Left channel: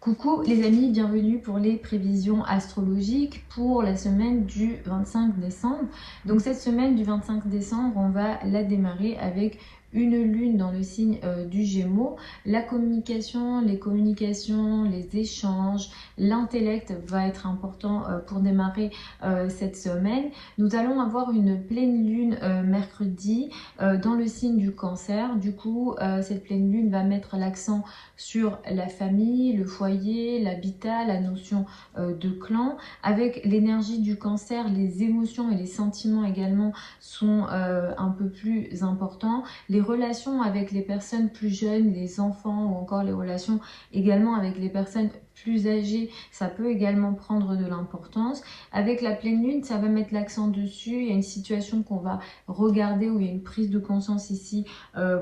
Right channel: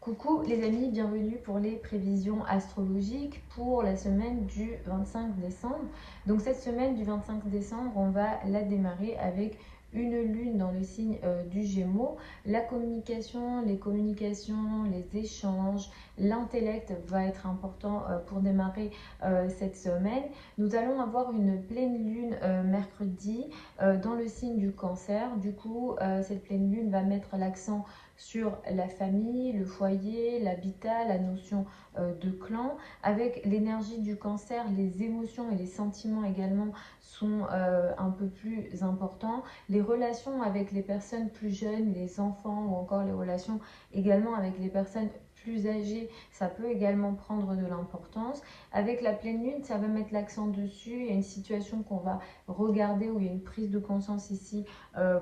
Coucou les amis, bienvenue pour les prévisions astrologiques pour la semaine du 25 décembre. Donc cette semaine du 25 décembre, on va la démarrer avec une lune dans le signe du Gémeaux. La communication, les échanges, l'intellect va être important pour démarrer cette semaine. Nous allons avoir une pleine lune mercredi dans le signe du Cancer. Du coup, cette pleine lune va mettre l'accent sur la famille, le foyer, l'habitat, la notion de clan. Avec l'énergie du Cancer, les émotions et les sentiments également sont un peu plus importants. Les relations avec les personnes plus jeunes, les enfants ou encore les relations également avec les personnes plus âgées, ça peut également prendre de l'importance. Avec la pleine lune, ça va mettre l'accent dessus. Il y a une situation qu'on va regarder où il y a une prise de conscience ici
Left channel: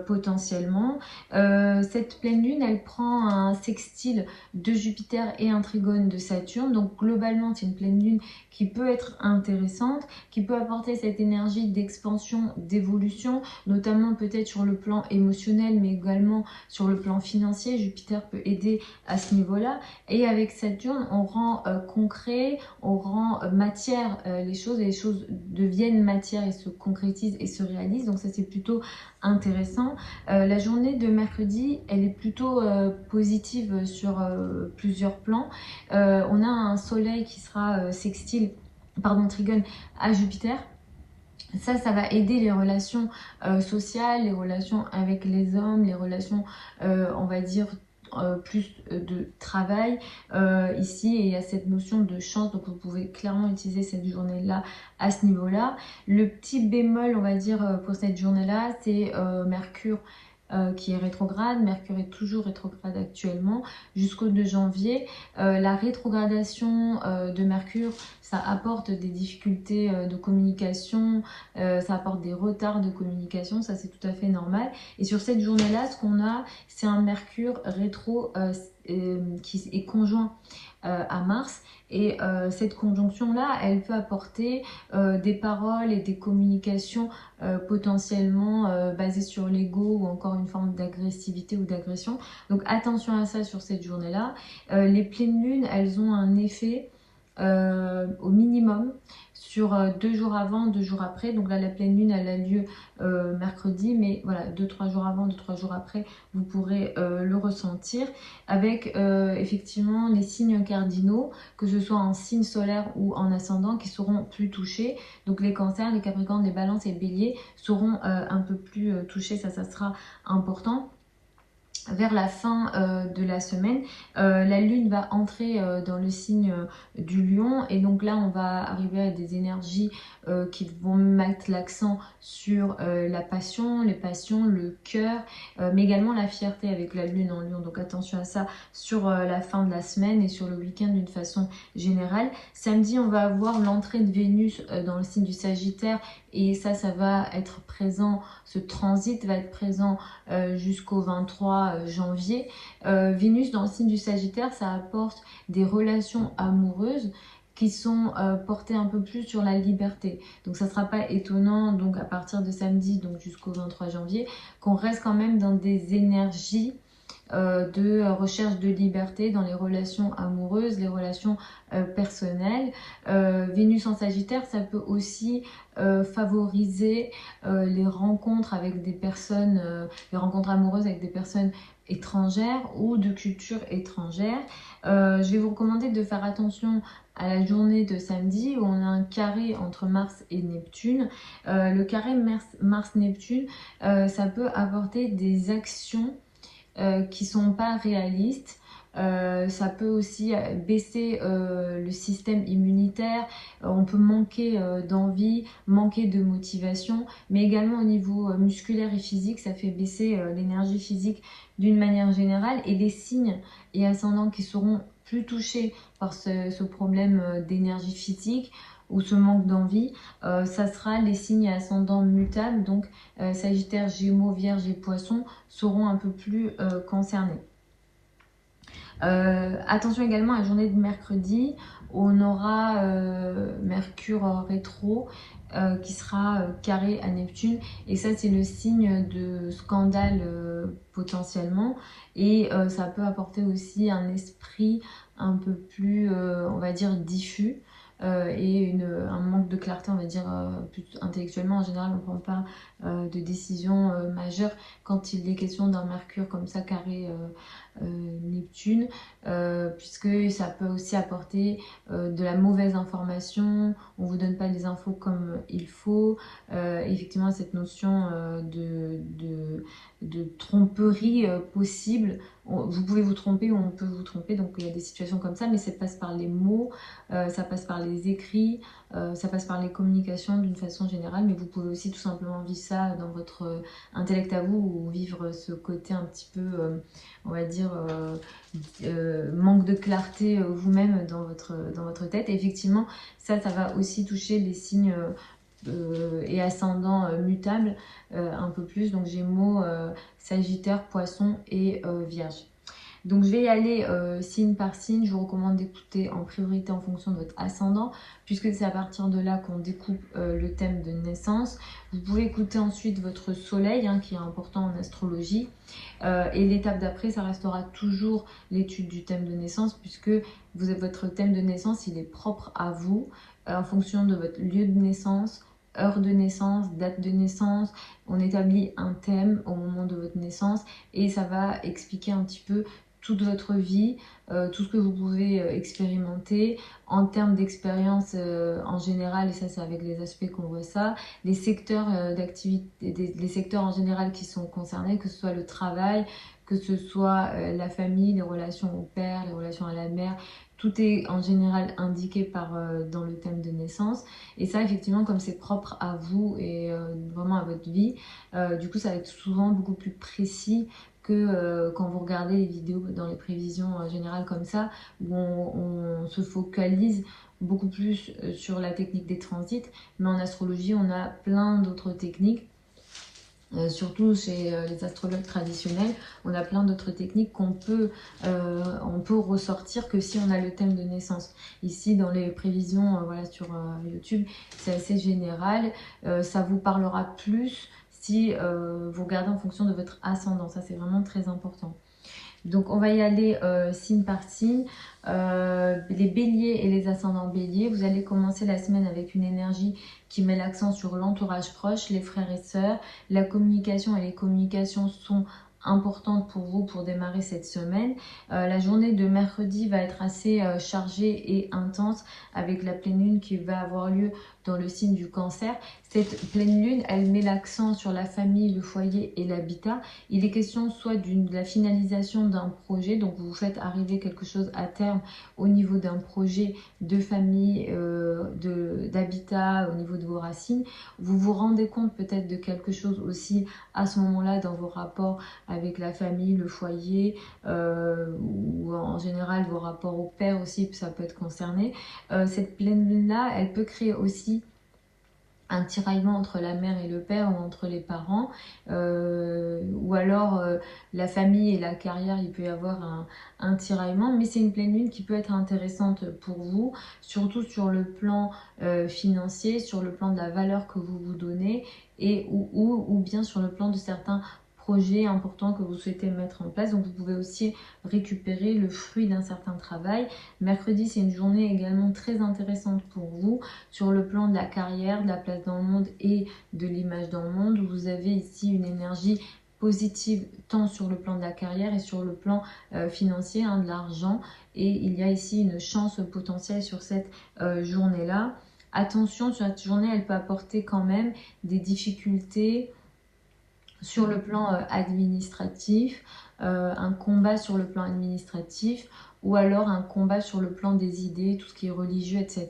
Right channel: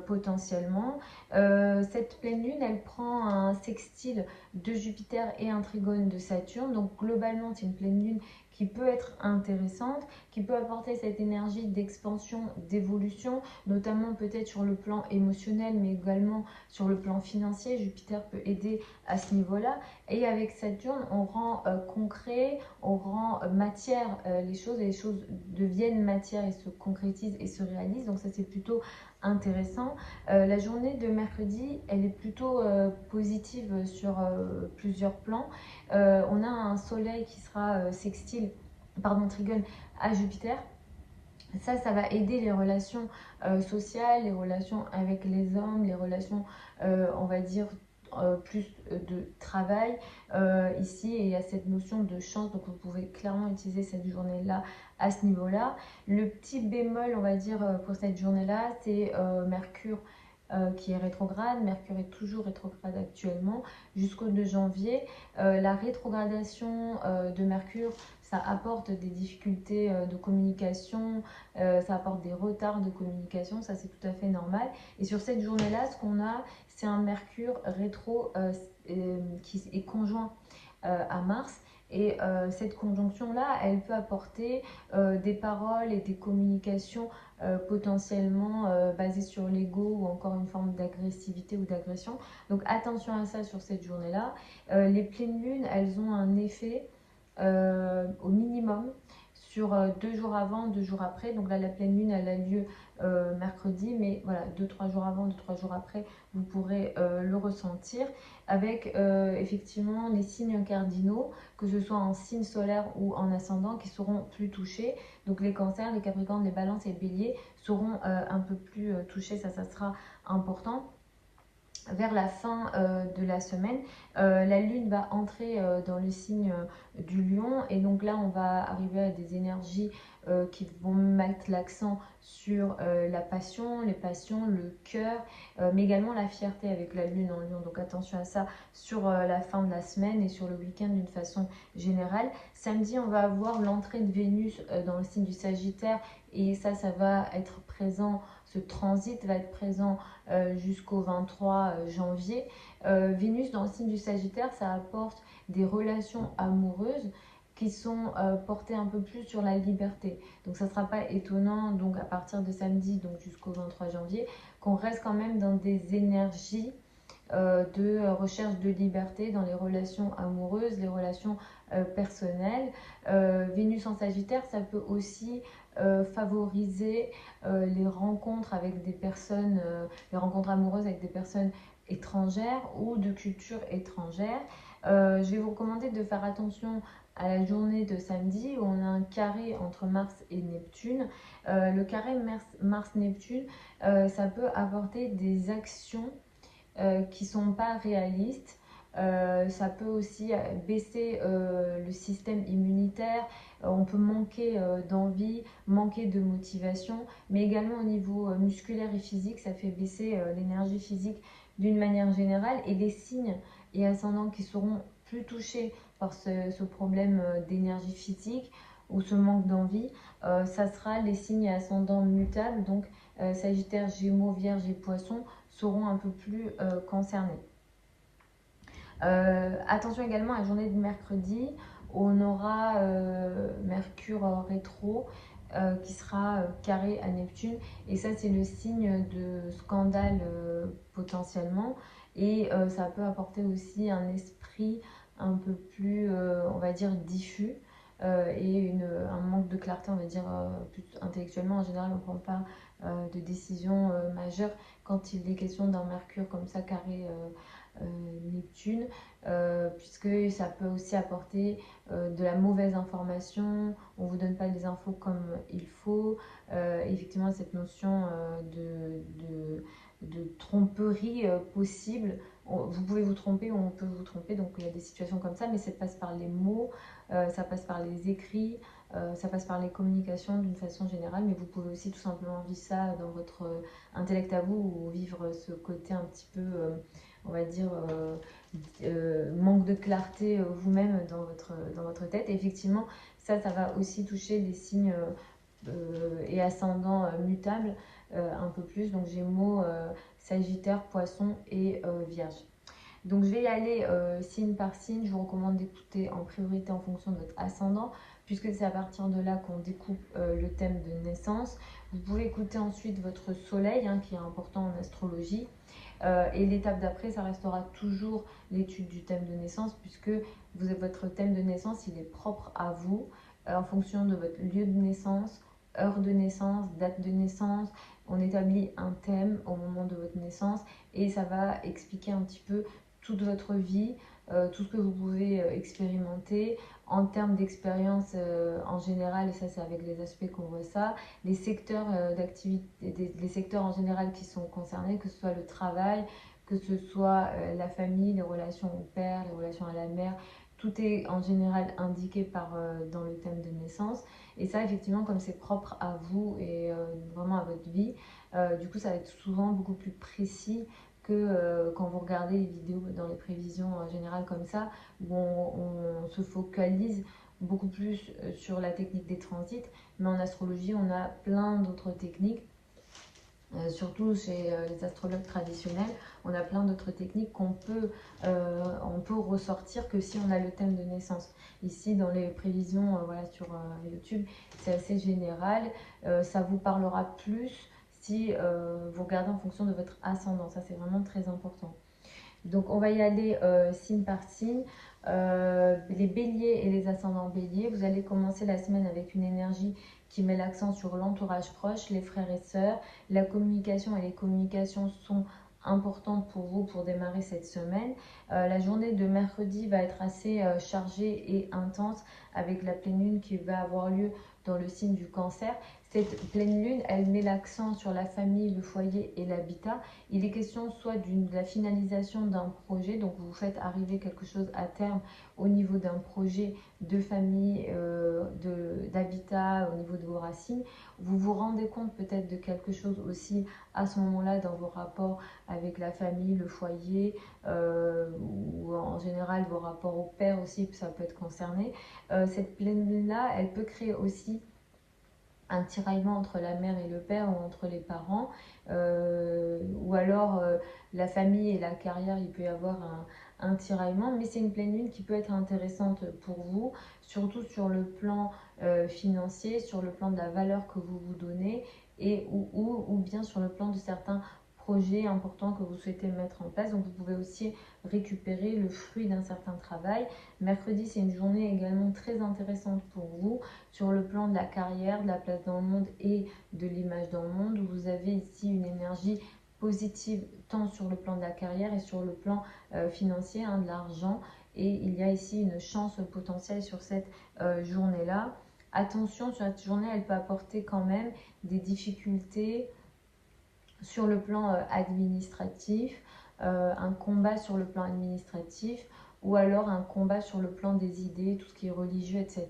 potentiellement. Cette pleine lune, elle prend un sextile de Jupiter et un trigone de Saturne. Donc globalement, c'est une pleine lune qui peut être intéressante, qui peut apporter cette énergie d'expansion, d'évolution, notamment peut-être sur le plan émotionnel, mais également sur le plan financier. Jupiter peut aider à ce niveau-là. Et avec Saturne, on rend concret, on rend matière les choses, et les choses deviennent matière et se concrétisent et se réalisent. Donc ça, c'est plutôt intéressant. La journée de mercredi, elle est plutôt positive sur plusieurs plans. On a un soleil qui sera trigone à Jupiter. Ça va aider les relations sociales, les relations avec les hommes, les relations, on va dire, plus de travail ici, et il y a cette notion de chance, donc vous pouvez clairement utiliser cette journée-là à ce niveau-là. Le petit bémol, on va dire, pour cette journée-là, c'est Mercure qui est rétrograde. Mercure est toujours rétrograde actuellement jusqu'au 2 janvier. La rétrogradation de Mercure, ça apporte des difficultés de communication, ça apporte des retards de communication, ça c'est tout à fait normal. Et sur cette journée-là, ce qu'on a, c'est un Mercure rétro qui est conjoint à Mars. Et cette conjonction-là, elle peut apporter des paroles et des communications potentiellement basées sur l'ego ou encore une forme d'agressivité ou d'agression. Donc attention à ça sur cette journée-là. Les pleines lunes, elles ont un effet au minimum sur 2 jours avant, 2 jours après. Donc là, la pleine lune, elle a lieu mercredi, mais voilà, 2-3 jours avant, 2-3 jours après, vous pourrez le ressentir avec effectivement les signes cardinaux, que ce soit en signe solaire ou en ascendant, qui seront plus touchés. Donc les cancers, les capricornes, les balances et les béliers seront un peu plus touchés, ça sera important. Vers la fin de la semaine, la lune va entrer dans le signe du lion, et donc là on va arriver à des énergies qui vont mettre l'accent sur la passion, les passions, le cœur, mais également la fierté avec la lune en lion. Donc attention à ça sur la fin de la semaine et sur le week-end d'une façon générale. Samedi, on va avoir l'entrée de Vénus dans le signe du Sagittaire, et ça va être présent, ce transit va être présent jusqu'au 23 janvier. Vénus dans le signe du Sagittaire, ça apporte des relations amoureuses qui sont portées un peu plus sur la liberté. Donc ça ne sera pas étonnant, donc à partir de samedi, donc jusqu'au 23 janvier, qu'on reste quand même dans des énergies de recherche de liberté dans les relations amoureuses, les relations personnelles. Vénus en Sagittaire, ça peut aussi favoriser les rencontres avec des personnes, les rencontres amoureuses avec des personnes étrangères ou de culture étrangère. Je vais vous recommander de faire attention à la journée de samedi où on a un carré entre Mars et Neptune. Le carré Mars-Neptune, ça peut apporter des actions qui ne sont pas réalistes. Ça peut aussi baisser le système immunitaire. On peut manquer d'envie, manquer de motivation, mais également au niveau musculaire et physique, ça fait baisser l'énergie physique d'une manière générale. Et les signes et ascendants qui seront plus touchés par ce problème d'énergie physique ou ce manque d'envie, ça sera les signes et ascendants mutables, donc Sagittaire, Gémeaux, Vierge et Poissons seront un peu plus concernés. Attention également à la journée de mercredi, on aura Mercure rétro qui sera carré à Neptune. Et ça, c'est le signe de scandale potentiellement. Et ça peut apporter aussi un esprit un peu plus, on va dire, diffus. Et un manque de clarté, on va dire, plus intellectuellement. En général, on ne prend pas de décision majeure quand il est question d'un Mercure comme ça carré Neptune, puisque ça peut aussi apporter de la mauvaise information, on ne vous donne pas les infos comme il faut, effectivement cette notion de tromperie possible. Vous pouvez vous tromper, on peut vous tromper, donc il y a des situations comme ça, mais ça passe par les mots, ça passe par les écrits, ça passe par les communications d'une façon générale, mais vous pouvez aussi tout simplement vivre ça dans votre intellect à vous, ou vivre ce côté un petit peu, on va dire, manque de clarté vous-même dans votre tête. Et effectivement, ça va aussi toucher les signes et ascendants mutables un peu plus, donc Gémeaux, Sagittaire, Poisson et Vierge. Donc je vais y aller signe par signe. Je vous recommande d'écouter en priorité en fonction de votre ascendant, puisque c'est à partir de là qu'on découpe le thème de naissance. Vous pouvez écouter ensuite votre soleil, hein, qui est important en astrologie. Et l'étape d'après, ça restera toujours l'étude du thème de naissance, puisque votre thème de naissance, il est propre à vous, en fonction de votre lieu de naissance, heure de naissance, date de naissance. On établit un thème au moment de votre naissance et ça va expliquer un petit peu toute votre vie, tout ce que vous pouvez expérimenter en termes d'expérience en général, et ça c'est avec les aspects qu'on voit ça, les secteurs d'activité, les secteurs en général qui sont concernés, que ce soit le travail, que ce soit la famille, les relations au père, les relations à la mère, tout est en général indiqué dans le thème de naissance. Et ça, effectivement, comme c'est propre à vous et vraiment à votre vie, du coup, ça va être souvent beaucoup plus précis que quand vous regardez les vidéos dans les prévisions générales comme ça, où on se focalise beaucoup plus sur la technique des transits. Mais en astrologie, on a plein d'autres techniques. Surtout chez les astrologues traditionnels, on a plein d'autres techniques on peut ressortir que si on a le thème de naissance. Ici, dans les prévisions voilà, sur YouTube, c'est assez général. Ça vous parlera plus si vous regardez en fonction de votre ascendant. Ça, c'est vraiment très important. Donc, on va y aller signe par signe. Les béliers et les ascendants béliers, vous allez commencer la semaine avec une énergie qui met l'accent sur l'entourage proche, les frères et sœurs. La communication et les communications sont importantes pour vous pour démarrer cette semaine. La journée de mercredi va être assez chargée et intense avec la pleine lune qui va avoir lieu dans le signe du Cancer. Cette pleine lune, elle met l'accent sur la famille, le foyer et l'habitat. Il est question soit de la finalisation d'un projet, donc vous faites arriver quelque chose à terme au niveau d'un projet de famille, d'habitat, au niveau de vos racines. Vous vous rendez compte peut-être de quelque chose aussi à ce moment-là dans vos rapports avec la famille, le foyer, ou en général vos rapports au père aussi, ça peut être concerné. Cette pleine lune-là, elle peut créer aussi un tiraillement entre la mère et le père ou entre les parents, ou alors la famille et la carrière, il peut y avoir un tiraillement, mais c'est une pleine lune qui peut être intéressante pour vous, surtout sur le plan financier, sur le plan de la valeur que vous vous donnez, et ou bien sur le plan de certains projets importants que vous souhaitez mettre en place. Donc vous pouvez aussi récupérer le fruit d'un certain travail. Mercredi, c'est une journée également très intéressante pour vous sur le plan de la carrière, de la place dans le monde et de l'image dans le monde. Vous avez ici une énergie positive tant sur le plan de la carrière et sur le plan financier, hein, de l'argent. Et il y a ici une chance potentielle sur cette journée-là. Attention, sur cette journée, elle peut apporter quand même des difficultés sur le plan administratif, un combat sur le plan administratif, ou alors un combat sur le plan des idées, tout ce qui est religieux, etc.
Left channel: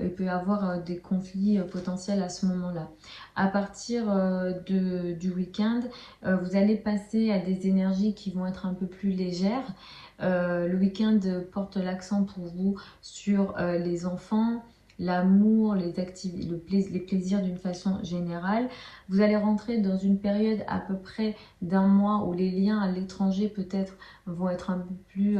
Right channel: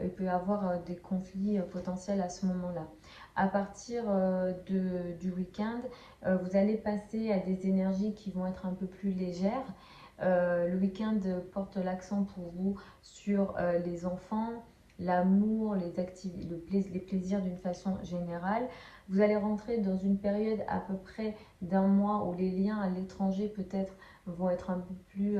Il peut y avoir des conflits potentiels à ce moment-là. À partir du week-end, vous allez passer à des énergies qui vont être un peu plus légères. Le week-end porte l'accent pour vous sur les enfants, l'amour, les plaisirs d'une façon générale. Vous allez rentrer dans une période à peu près d'un mois où les liens à l'étranger peut-être vont être un peu plus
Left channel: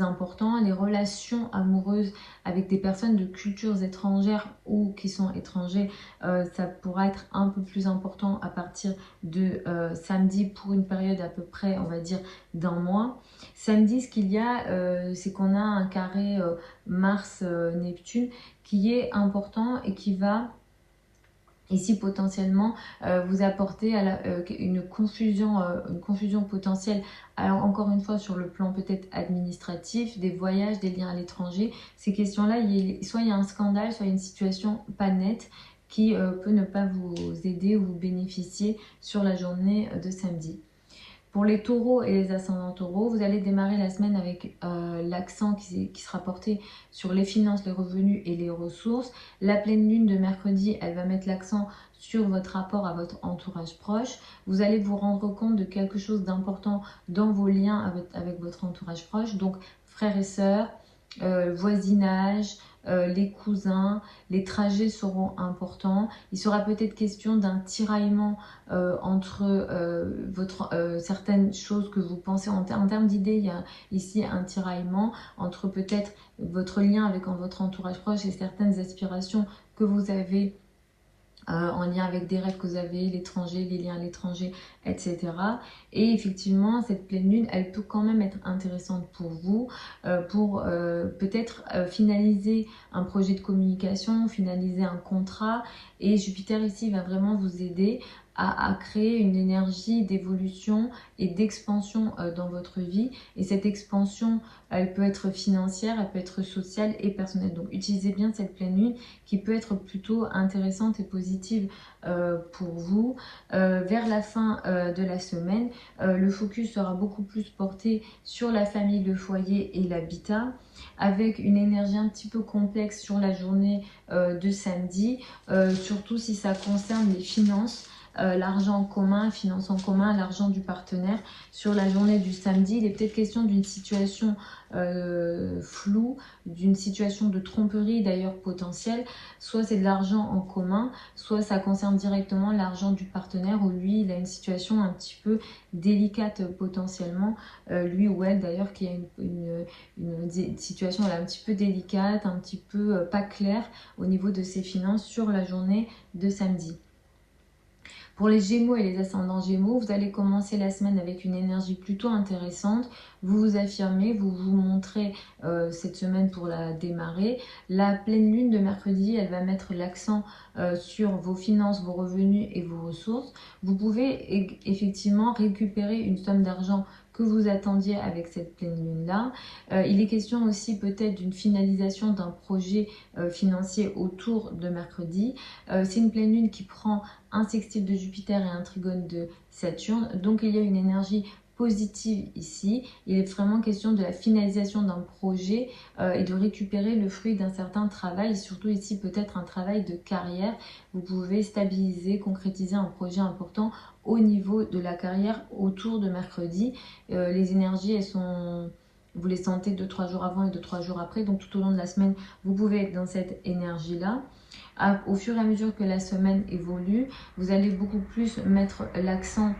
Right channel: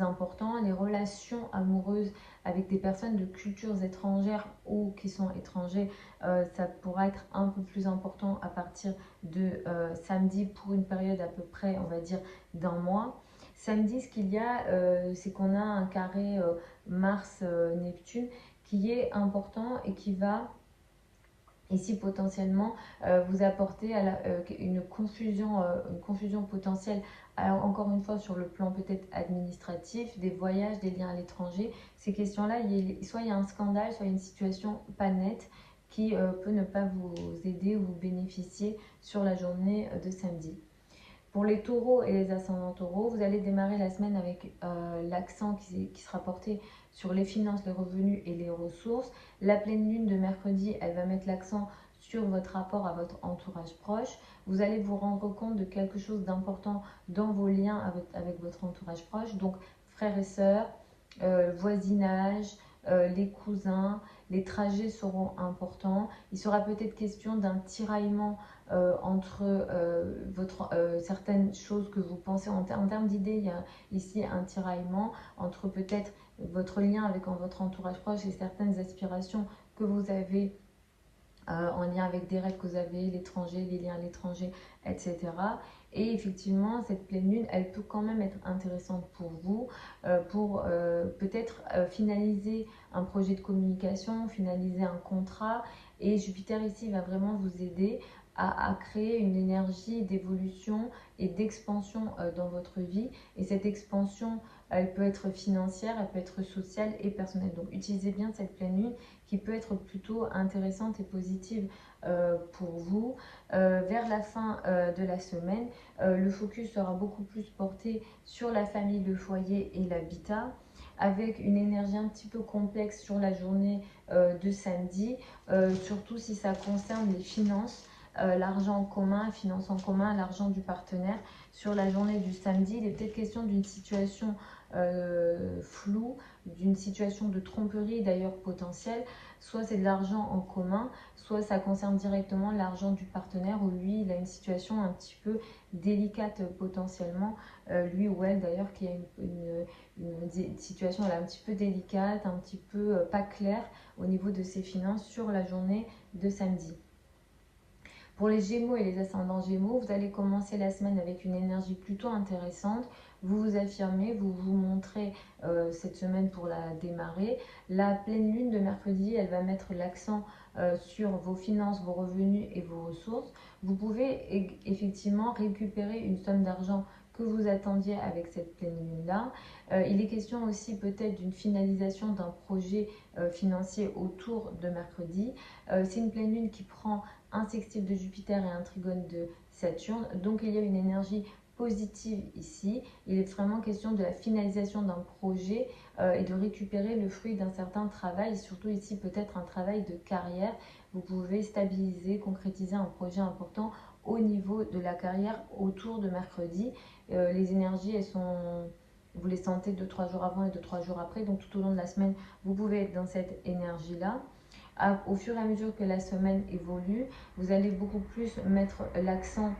importants. Les relations amoureuses avec des personnes de cultures étrangères ou qui sont étrangers, ça pourra être un peu plus important à partir de samedi pour une période à peu près, on va dire, d'un mois. Samedi, ce qu'il y a, c'est qu'on a un carré Mars-Neptune qui est important et qui va ici potentiellement vous apporter une confusion potentielle. Alors encore une fois sur le plan peut-être administratif, des voyages, des liens à l'étranger, ces questions-là, soit il y a un scandale, soit il y a une situation pas nette qui peut ne pas vous aider ou vous bénéficier sur la journée de samedi. Pour les taureaux et les ascendants taureaux, vous allez démarrer la semaine avec l'accent qui sera porté sur les finances, les revenus et les ressources. La pleine lune de mercredi, elle va mettre l'accent sur votre rapport à votre entourage proche. Vous allez vous rendre compte de quelque chose d'important dans vos liens avec votre entourage proche. Donc, frères et sœurs, voisinage, les cousins, les trajets seront importants. Il sera peut-être question d'un tiraillement entre certaines choses que vous pensez. En termes d'idées, il y a ici un tiraillement entre peut-être votre lien avec votre entourage proche et certaines aspirations que vous avez en lien avec des rêves que vous avez, l'étranger, les liens à l'étranger, etc. Et effectivement, cette pleine lune, elle peut quand même être intéressante pour vous, pour peut-être finaliser un projet de communication, finaliser un contrat. Et Jupiter ici va vraiment vous aider à créer une énergie d'évolution et d'expansion dans votre vie. Et cette expansion, elle peut être financière, elle peut être sociale et personnelle. Donc utilisez bien cette pleine lune qui peut être plutôt intéressante et positive pour vous. Vers la fin de la semaine, le focus sera beaucoup plus porté sur la famille, le foyer et l'habitat, avec une énergie un petit peu complexe sur la journée de samedi, surtout si ça concerne les finances. L'argent en commun, finances en commun, l'argent du partenaire. Sur la journée du samedi, il est peut-être question d'une situation floue, d'une situation de tromperie d'ailleurs potentielle. Soit c'est de l'argent en commun, soit ça concerne directement l'argent du partenaire où lui, il a une situation un petit peu délicate potentiellement, lui ou elle d'ailleurs, qui a une situation elle, un petit peu délicate, un petit peu pas claire au niveau de ses finances sur la journée de samedi. Pour les Gémeaux et les ascendants Gémeaux, vous allez commencer la semaine avec une énergie plutôt intéressante. Vous vous affirmez, vous vous montrez cette semaine pour la démarrer. La pleine lune de mercredi, elle va mettre l'accent sur vos finances, vos revenus et vos ressources. Vous pouvez effectivement récupérer une somme d'argent que vous attendiez avec cette pleine lune-là. Il est question aussi peut-être d'une finalisation d'un projet financier autour de mercredi. C'est une pleine lune qui prend un sextile de Jupiter et un trigone de Saturne. Donc il y a une énergie positive ici. Il est vraiment question de la finalisation d'un projet et de récupérer le fruit d'un certain travail, surtout ici peut-être un travail de carrière. Vous pouvez stabiliser, concrétiser un projet important au niveau de la carrière autour de mercredi. Les énergies, elles sont... Vous les sentez 2-3 jours avant et 2-3 jours après. Donc tout au long de la semaine, vous pouvez être dans cette énergie-là. Au fur et à mesure que la semaine évolue, vous allez beaucoup plus mettre l'accent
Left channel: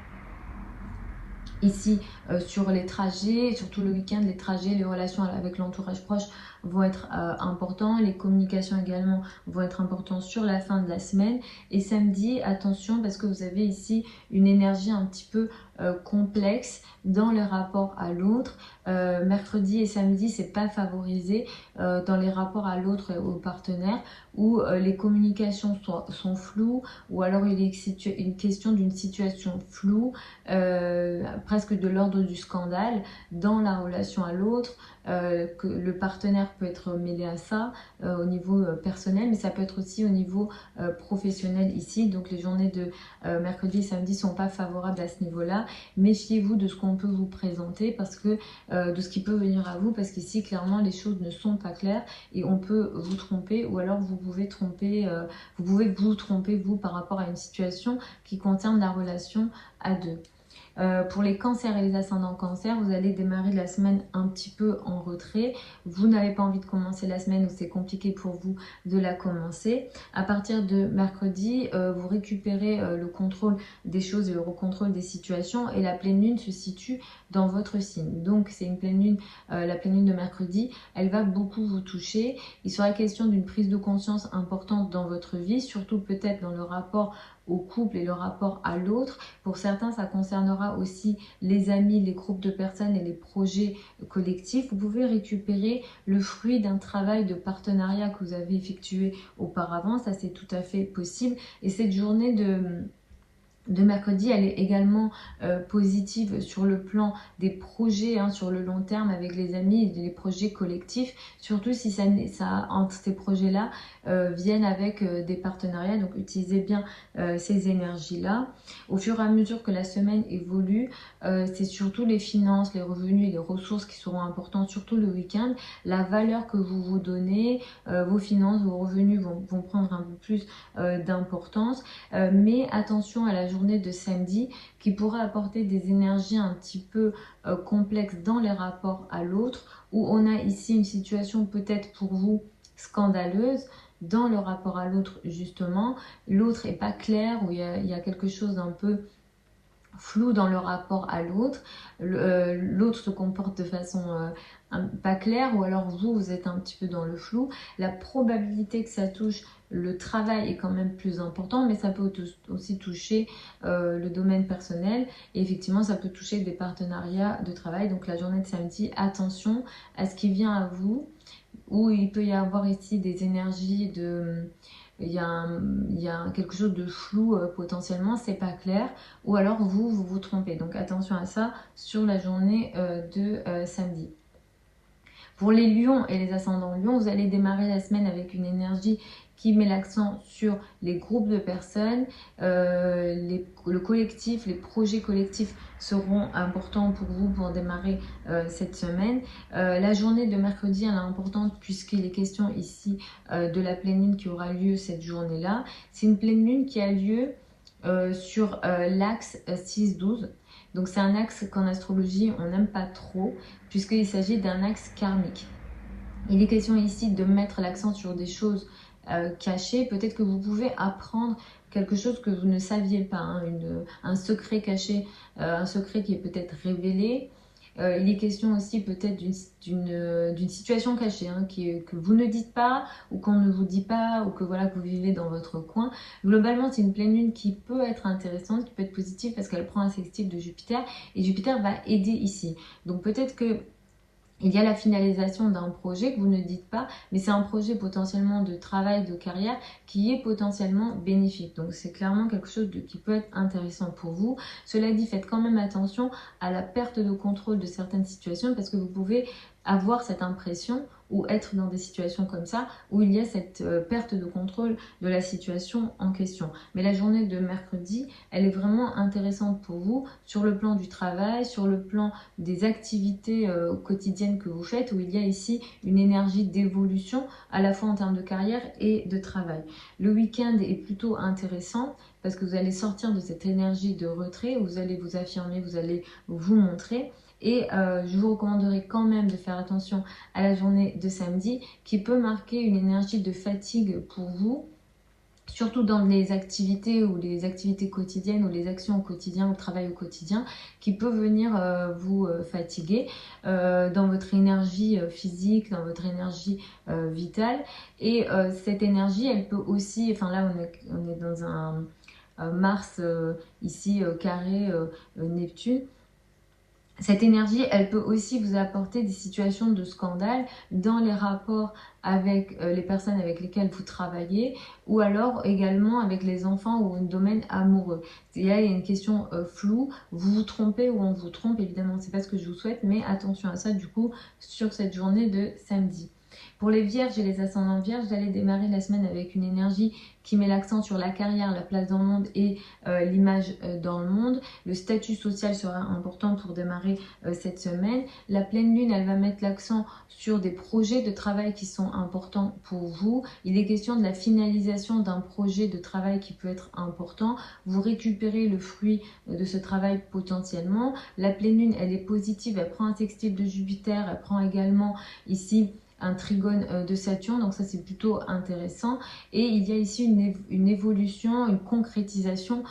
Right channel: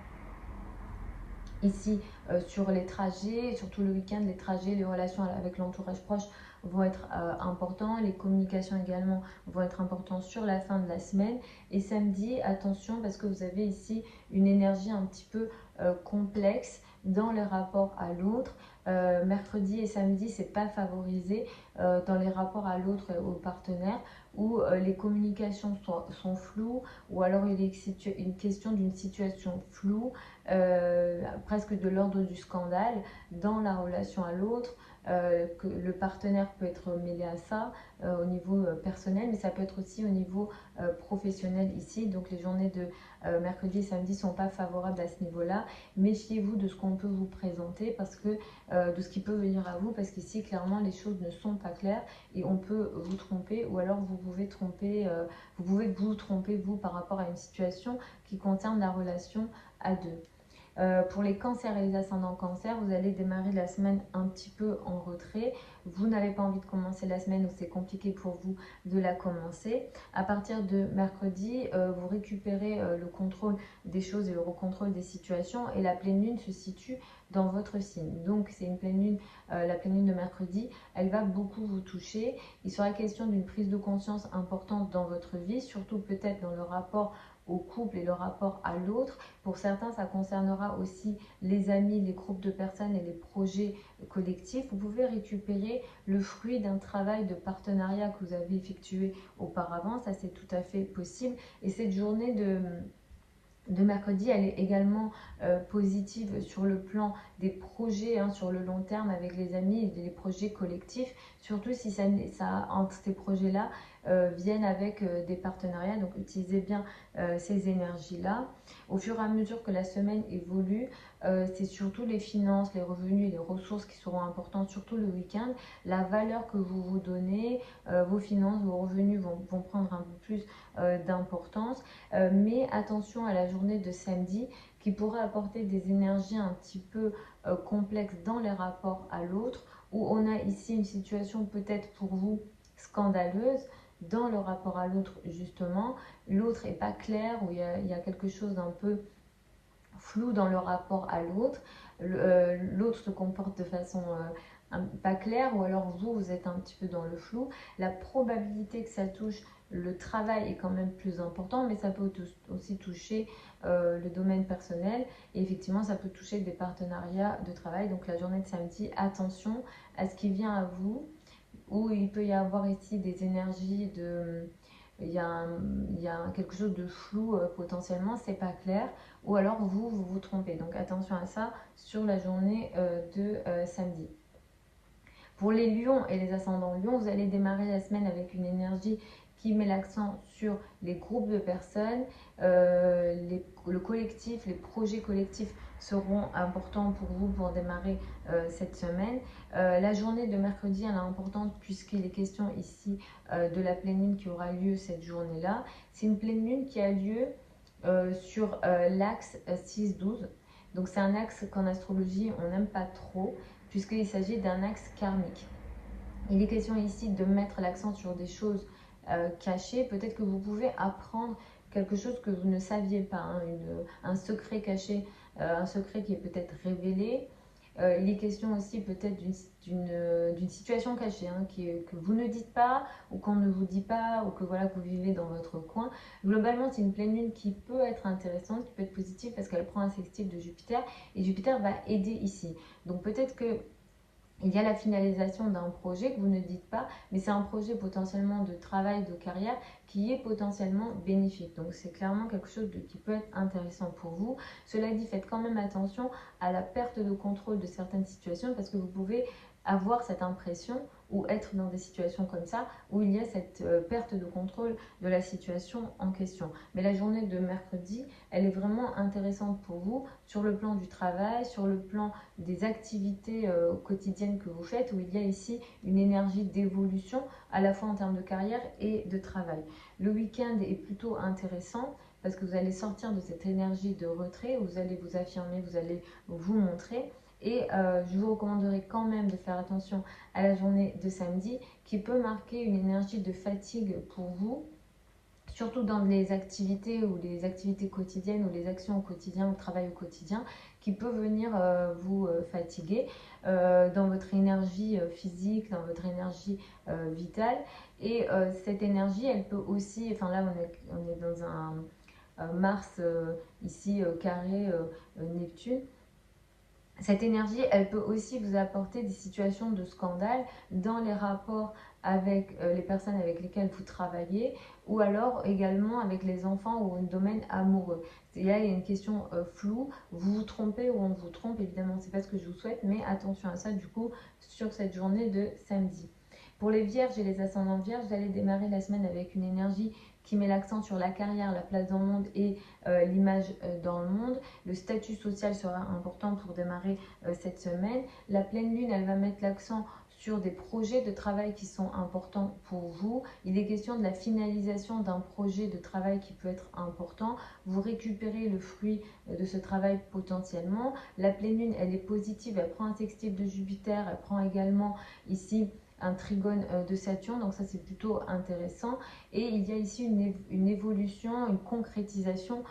ici sur les trajets, surtout le week-end, les trajets, les relations avec l'entourage proche vont être importants, les communications également vont être importantes sur la fin de la semaine. Et samedi, attention parce que vous avez ici une énergie un petit peu complexe dans les rapports à l'autre. Mercredi et samedi, c'est pas favorisé dans les rapports à l'autre et au partenaire, où les communications sont floues, ou alors il est une question d'une situation floue, presque de l'ordre du scandale dans la relation à l'autre. Que le partenaire peut être mêlé à ça au niveau personnel, mais ça peut être aussi au niveau professionnel ici. Donc les journées de mercredi et samedi ne sont pas favorables à ce niveau-là. Méfiez-vous de ce qu'on peut vous présenter, parce que de ce qui peut venir à vous, parce qu'ici clairement les choses ne sont pas claires et on peut vous tromper, ou alors vous pouvez vous tromper vous par rapport à une situation qui concerne la relation à deux. Pour les cancers et les ascendants cancers, vous allez démarrer la semaine un petit peu en retrait. Vous n'avez pas envie de commencer la semaine ou c'est compliqué pour vous de la commencer. À partir de mercredi, vous récupérez le contrôle des choses et le contrôle des situations et la pleine lune se situe dans votre signe. Donc c'est une pleine lune, la pleine lune de mercredi, elle va beaucoup vous toucher. Il sera question d'une prise de conscience importante dans votre vie, surtout peut-être dans le rapport au couple et le rapport à l'autre. Pour certains, ça concernera aussi les amis, les groupes de personnes et les projets collectifs. Vous pouvez récupérer le fruit d'un travail de partenariat que vous avez effectué auparavant. Ça, c'est tout à fait possible. Et cette journée de mercredi, elle est également positive sur le plan des projets sur le long terme avec les amis et les projets collectifs, surtout si entre ces projets-là viennent avec des partenariats. Donc utilisez bien ces énergies-là. Au fur et à mesure que la semaine évolue, c'est surtout les finances, les revenus et les ressources qui seront importantes, surtout le week-end. La valeur que vous vous donnez, vos finances, vos revenus vont prendre un peu plus d'importance. Mais attention à la journée de samedi qui pourra apporter des énergies un petit peu complexes dans les rapports à l'autre, où on a ici une situation peut-être pour vous scandaleuse dans le rapport à l'autre justement. L'autre n'est pas clair, où il y a quelque chose d'un peu flou dans le rapport à l'autre. L'autre se comporte de façon pas claire, ou alors vous êtes un petit peu dans le flou. La probabilité que ça touche le travail est quand même plus important, mais ça peut aussi toucher le domaine personnel. Et effectivement, ça peut toucher des partenariats de travail. Donc la journée de samedi, attention à ce qui vient à vous, où il peut y avoir ici des énergies de... Il y a quelque chose de flou potentiellement, c'est pas clair, ou alors vous trompez. Donc attention à ça sur la journée de samedi. Pour les lions et les ascendants lions, vous allez démarrer la semaine avec une énergie qui met l'accent sur les groupes de personnes, le collectif, les projets collectifs seront importants pour vous pour démarrer cette semaine. La journée de mercredi elle est importante puisqu'il est question ici de la pleine lune qui aura lieu cette journée-là. C'est une pleine lune qui a lieu sur l'axe 6-12. Donc c'est un axe qu'en astrologie on n'aime pas trop puisqu'il s'agit d'un axe karmique. Il est question ici de mettre l'accent sur des choses cachées. Peut-être que vous pouvez apprendre quelque chose que vous ne saviez pas, un secret caché, un secret qui est peut-être révélé. Il est question aussi peut-être d'une situation cachée que vous ne dites pas ou qu'on ne vous dit pas ou que voilà que vous vivez dans votre coin. Globalement, c'est une pleine lune qui peut être intéressante, qui peut être positive parce qu'elle prend un sextile de Jupiter et Jupiter va aider ici. Donc peut-être que il y a la finalisation d'un projet que vous ne dites pas, mais c'est un projet potentiellement de travail, de carrière qui est potentiellement bénéfique. Donc c'est clairement quelque chose qui peut être intéressant pour vous. Cela dit, faites quand même attention à la perte de contrôle de certaines situations parce que vous pouvez avoir cette impression ou être dans des situations comme ça où il y a cette perte de contrôle de la situation en question. Mais la journée de mercredi, elle est vraiment intéressante pour vous sur le plan du travail, sur le plan des activités quotidiennes que vous faites, où il y a ici une énergie d'évolution à la fois en termes de carrière et de travail. Le week-end est plutôt intéressant parce que vous allez sortir de cette énergie de retrait, où vous allez vous affirmer, vous allez vous montrer. Et je vous recommanderais quand même de faire attention à la journée de samedi qui peut marquer une énergie de fatigue pour vous, surtout dans les activités ou les activités quotidiennes ou les actions au quotidien, au travail au quotidien, qui peut venir vous fatiguer dans votre énergie physique, dans votre énergie vitale. Et cette énergie, elle peut aussi, enfin là on est dans un Mars ici carré Neptune. Cette énergie, elle peut aussi vous apporter des situations de scandale dans les rapports avec les personnes avec lesquelles vous travaillez ou alors également avec les enfants ou un domaine amoureux. Il y a une question floue, vous vous trompez ou on vous trompe, évidemment, c'est pas ce que je vous souhaite, mais attention à ça du coup sur cette journée de samedi. Pour les vierges et les ascendants vierges, vous allez démarrer la semaine avec une énergie qui met l'accent sur la carrière, la place dans le monde et l'image dans le monde. Le statut social sera important pour démarrer cette semaine. La pleine lune, elle va mettre l'accent sur des projets de travail qui sont importants pour vous. Il est question de la finalisation d'un projet de travail qui peut être important. Vous récupérez le fruit de ce travail potentiellement. La pleine lune, elle est positive, elle prend un sextile de Jupiter, elle prend également ici un trigone de Saturne, donc ça c'est plutôt intéressant. Et il y a ici une évolution, une concrétisation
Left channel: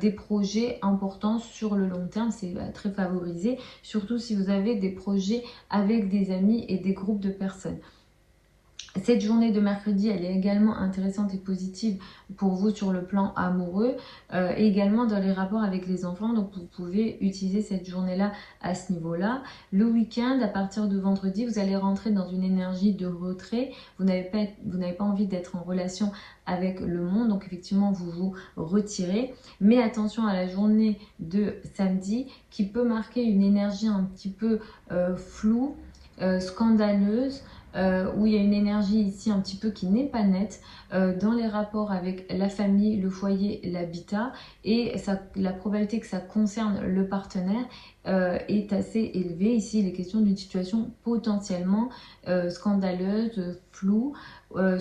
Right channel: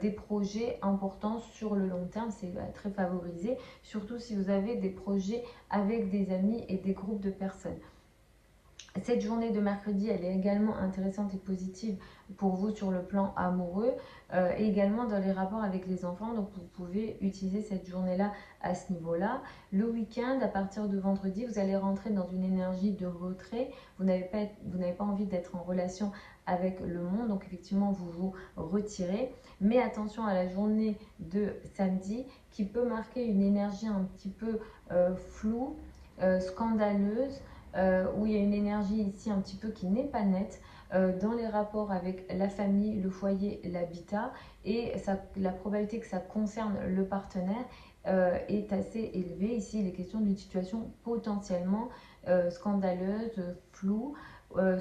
des projets importants sur le long terme. C'est très favorisé, surtout si vous avez des projets avec des amis et des groupes de personnes. Cette journée de mercredi, elle est également intéressante et positive pour vous sur le plan amoureux et également dans les rapports avec les enfants. Donc, vous pouvez utiliser cette journée-là à ce niveau-là. Le week-end, à partir de vendredi, vous allez rentrer dans une énergie de retrait. Vous n'avez pas envie d'être en relation avec le monde. Donc, effectivement, vous vous retirez. Mais attention à la journée de samedi qui peut marquer une énergie un petit peu floue, scandaleuse, où il y a une énergie ici un petit peu qui n'est pas nette dans les rapports avec la famille, le foyer, l'habitat, et la probabilité que ça concerne le partenaire est assez élevée. Ici, il est question d'une situation potentiellement scandaleuse, floue.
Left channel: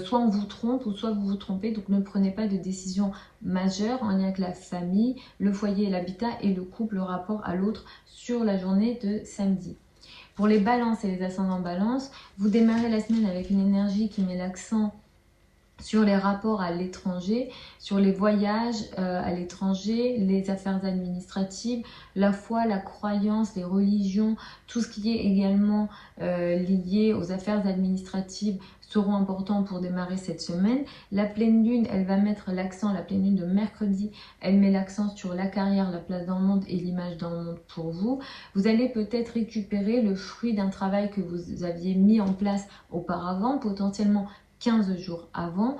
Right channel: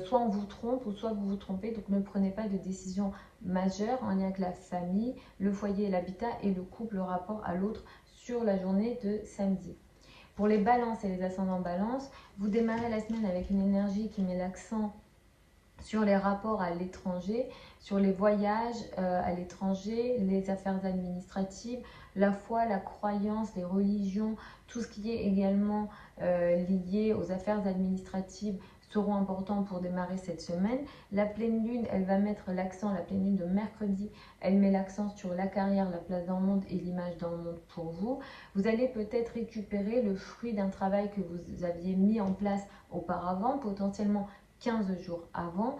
Soit on vous trompe ou soit vous vous trompez, donc ne prenez pas de décision majeure en lien avec la famille, le foyer, l'habitat et le couple, le rapport à l'autre sur la journée de samedi. Pour les balances et les ascendants balance, vous démarrez la semaine avec une énergie qui met l'accent sur les rapports à l'étranger, sur les voyages à l'étranger, les affaires administratives, la foi, la croyance, les religions, tout ce qui est également lié aux affaires administratives seront importants pour démarrer cette semaine. La pleine lune, elle va mettre l'accent, la pleine lune de mercredi, elle met l'accent sur la carrière, la place dans le monde et l'image dans le monde pour vous. Vous allez peut-être récupérer le fruit d'un travail que vous aviez mis en place auparavant, potentiellement 15 jours avant.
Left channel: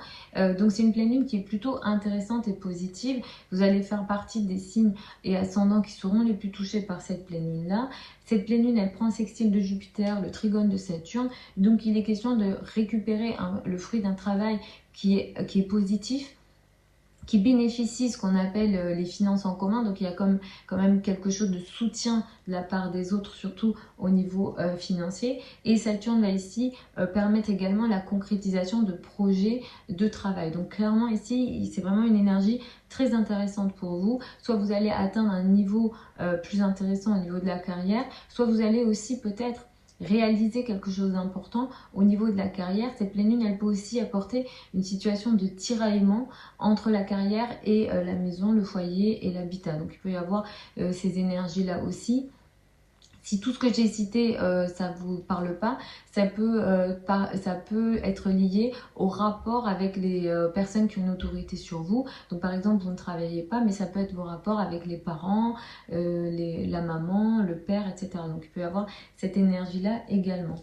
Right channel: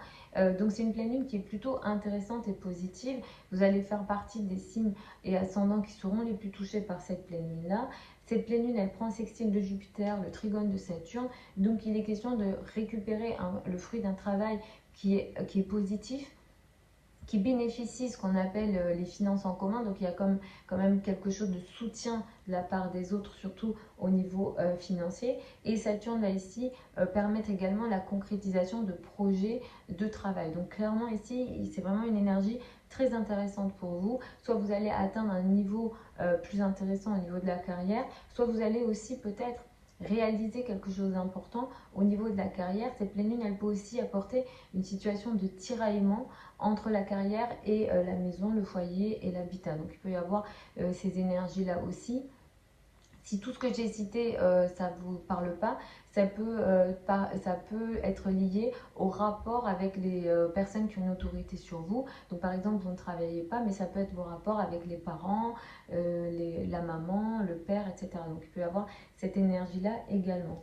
Donc c'est une pleine lune qui est plutôt intéressante et positive. Vous allez faire partie des signes et ascendants qui seront les plus touchés par cette pleine lune là. Cette pleine lune, elle prend le sextile de Jupiter, le trigone de Saturne. Donc il est question de récupérer le fruit d'un travail qui est positif, qui bénéficient ce qu'on appelle les finances en commun. Donc il y a quand même quelque chose de soutien de la part des autres, surtout au niveau financier. Et Saturne va ici permettre également la concrétisation de projets de travail. Donc clairement ici, c'est vraiment une énergie très intéressante pour vous. Soit vous allez atteindre un niveau plus intéressant au niveau de la carrière, soit vous allez aussi peut-être réaliser quelque chose d'important au niveau de la carrière. Cette pleine lune, elle peut aussi apporter une situation de tiraillement entre la carrière et la maison, le foyer et l'habitat. Donc il peut y avoir ces énergies-là aussi. Si tout ce que j'ai cité, ça ne vous parle pas, ça peut être lié au rapport avec les personnes qui ont une autorité sur vous. Donc par exemple, vous ne travaillez pas, mais ça peut être vos rapports avec les parents, la maman, le père, etc. Donc il peut y avoir cette énergie-là également.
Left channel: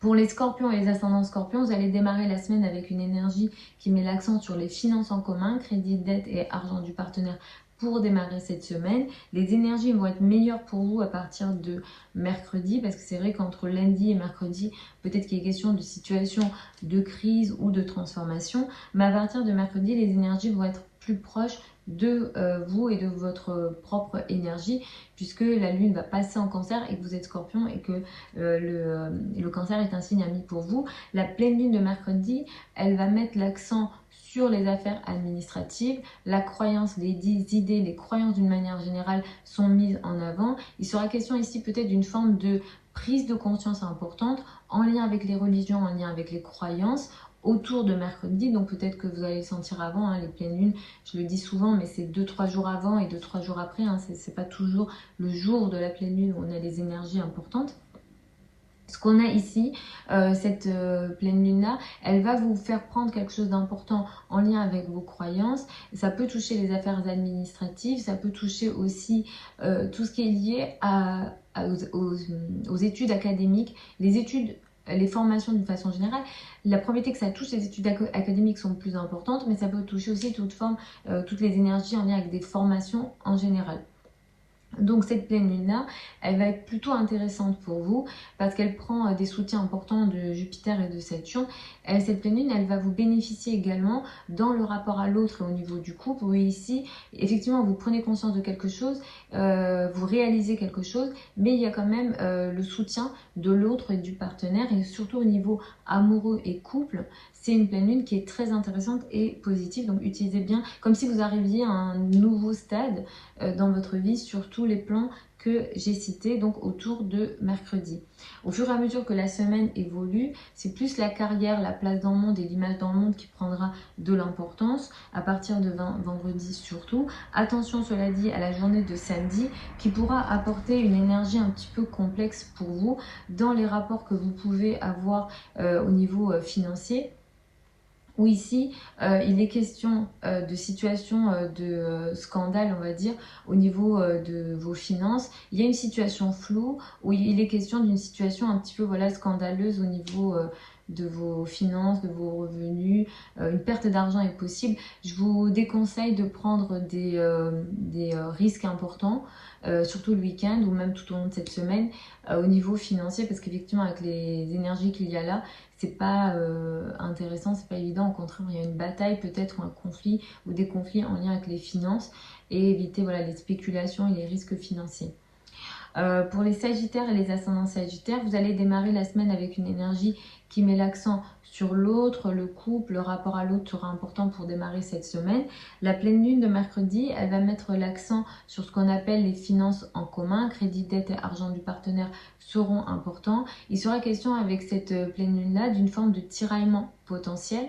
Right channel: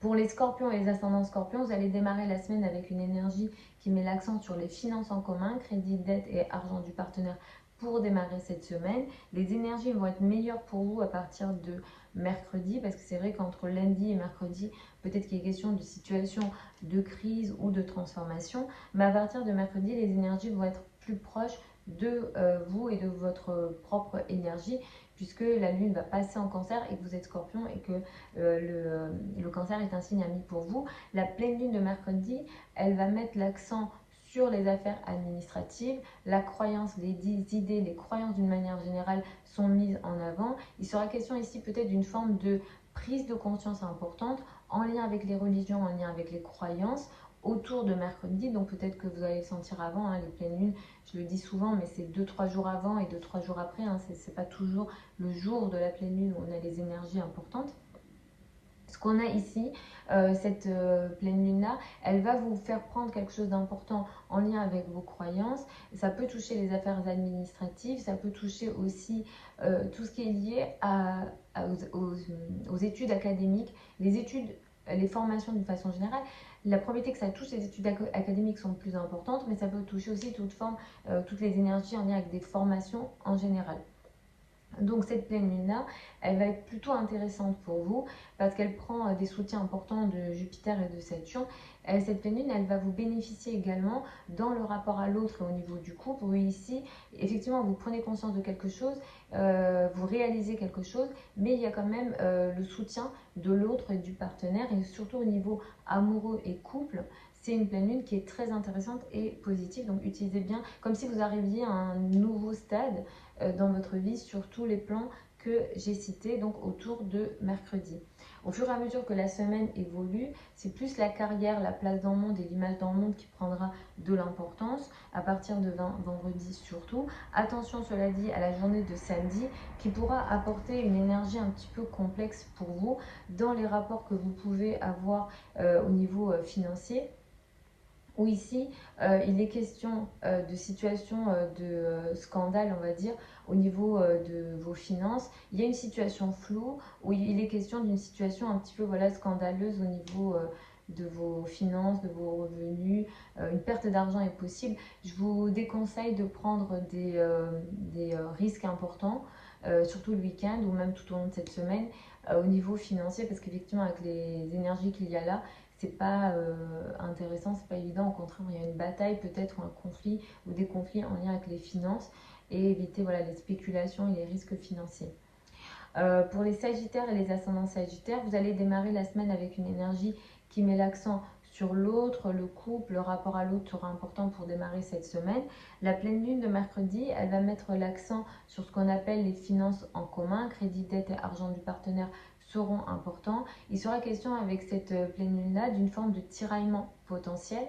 Pour les scorpions et les ascendants scorpions, vous allez démarrer la semaine avec une énergie qui met l'accent sur les finances en commun, crédit, dette et argent du partenaire pour démarrer cette semaine. Les énergies vont être meilleures pour vous à partir de mercredi, parce que c'est vrai qu'entre lundi et mercredi, peut-être qu'il y a question de situation de crise ou de transformation, mais à partir de mercredi, les énergies vont être plus proches de vous et de votre propre énergie, puisque la lune va passer en cancer et que vous êtes scorpion et que le cancer est un signe ami pour vous. La pleine lune de mercredi, elle va mettre l'accent sur les affaires administratives, la croyance, les idées, les croyances d'une manière générale sont mises en avant. Il sera question ici peut-être d'une forme de prise de conscience importante en lien avec les religions, en lien avec les croyances autour de mercredi. Donc peut-être que vous allez le sentir avant, hein, les pleines lunes, je le dis souvent, mais c'est 2-3 jours avant et 2-3 jours après, hein, c'est pas toujours le jour de la pleine lune où on a les énergies importantes. Ce qu'on a ici, cette pleine lune-là, elle va vous faire prendre quelque chose d'important en lien avec vos croyances. Ça peut toucher les affaires administratives, ça peut toucher aussi tout ce qui est lié aux études académiques, les formations d'une façon générale. La probabilité que ça touche les études académiques sont plus importantes, mais ça peut toucher aussi toutes les énergies en lien avec des formations en général. Donc cette pleine lune-là, elle va être plutôt intéressante pour vous parce qu'elle prend des soutiens importants de Jupiter et de Saturne. Cette pleine lune, elle va vous bénéficier également dans le rapport à l'autre et au niveau du couple. Où ici, effectivement, vous prenez conscience de quelque chose, vous réalisez quelque chose, mais il y a quand même le soutien de l'autre et du partenaire, et surtout au niveau amoureux et couple. C'est une pleine lune qui est très intéressante et positive, donc utilisez bien comme si vous arriviez à un nouveau stade dans votre vie sur tous les plans que j'ai cités, donc autour de mercredi. Au fur et à mesure que la semaine évolue, c'est plus la carrière, la place dans le monde et l'image dans le monde qui prendra de l'importance à partir de vendredi surtout. Attention, cela dit, à la journée de samedi qui pourra apporter une énergie un petit peu complexe pour vous dans les rapports que vous pouvez avoir au niveau financier. Où ici, il est question de situation de scandale, on va dire, au niveau de vos finances. Il y a une situation floue où il est question d'une situation un petit peu voilà, scandaleuse au niveau de vos finances, de vos revenus. Une perte d'argent est possible. Je vous déconseille de prendre des risques importants, surtout le week-end ou même tout au long de cette semaine, au niveau financier, parce qu'effectivement, avec les énergies qu'il y a là, c'est pas intéressant, c'est pas évident. Au contraire, il y a une bataille peut-être ou un conflit ou des conflits en lien avec les finances, et éviter voilà, les spéculations et les risques financiers. Pour les Sagittaires et les ascendants Sagittaires, vous allez démarrer la semaine avec une énergie qui met l'accent sur l'autre, le couple, le rapport à l'autre sera important pour démarrer cette semaine. La pleine lune de mercredi, elle va mettre l'accent sur ce qu'on appelle les finances en commun, crédit, dette et argent du partenaire seront importants. Il sera question avec cette pleine lune-là d'une forme de tiraillement potentiel.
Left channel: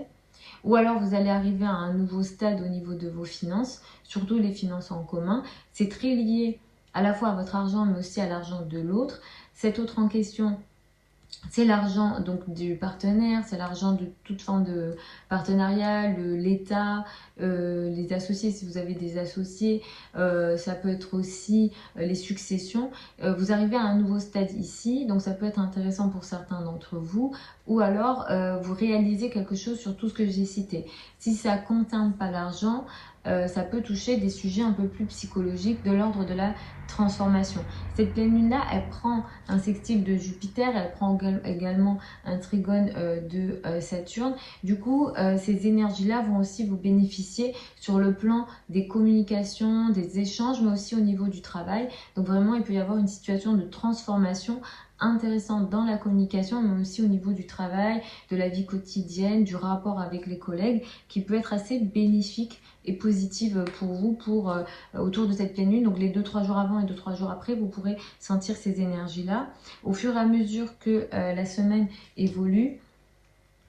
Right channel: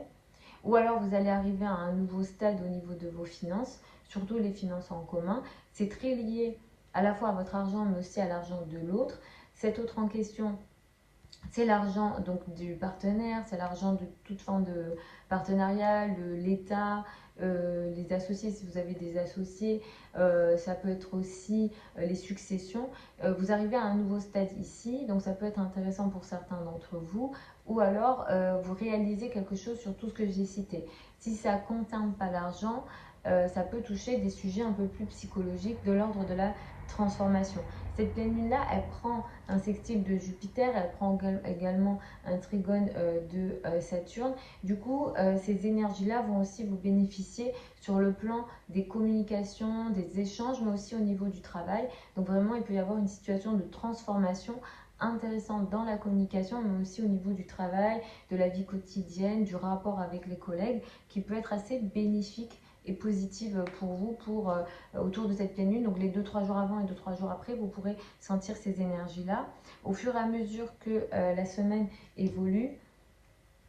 Ou alors vous allez arriver à un nouveau stade au niveau de vos finances, surtout les finances en commun. C'est très lié à la fois à votre argent mais aussi à l'argent de l'autre. Cet autre en question, c'est l'argent donc du partenaire, c'est l'argent de toute forme de partenariat, l'État, les associés si vous avez des associés, ça peut être aussi les successions. Vous arrivez à un nouveau stade ici, donc ça peut être intéressant pour certains d'entre vous, ou alors vous réalisez quelque chose sur tout ce que j'ai cité. Si ça ne concerne pas l'argent, ça peut toucher des sujets un peu plus psychologiques de l'ordre de la transformation. Cette pleine lune là, elle prend un sextile de Jupiter, elle prend également un trigone de Saturne. Du coup, ces énergies là vont aussi vous bénéficier sur le plan des communications, des échanges, mais aussi au niveau du travail. Donc vraiment, il peut y avoir une situation de transformation intéressante dans la communication, mais aussi au niveau du travail, de la vie quotidienne, du rapport avec les collègues, qui peut être assez bénéfique et positive pour vous autour de cette pleine lune. Donc les 2-3 jours avant et 2-3 jours après, vous pourrez sentir ces énergies-là. Au fur et à mesure que la semaine évolue,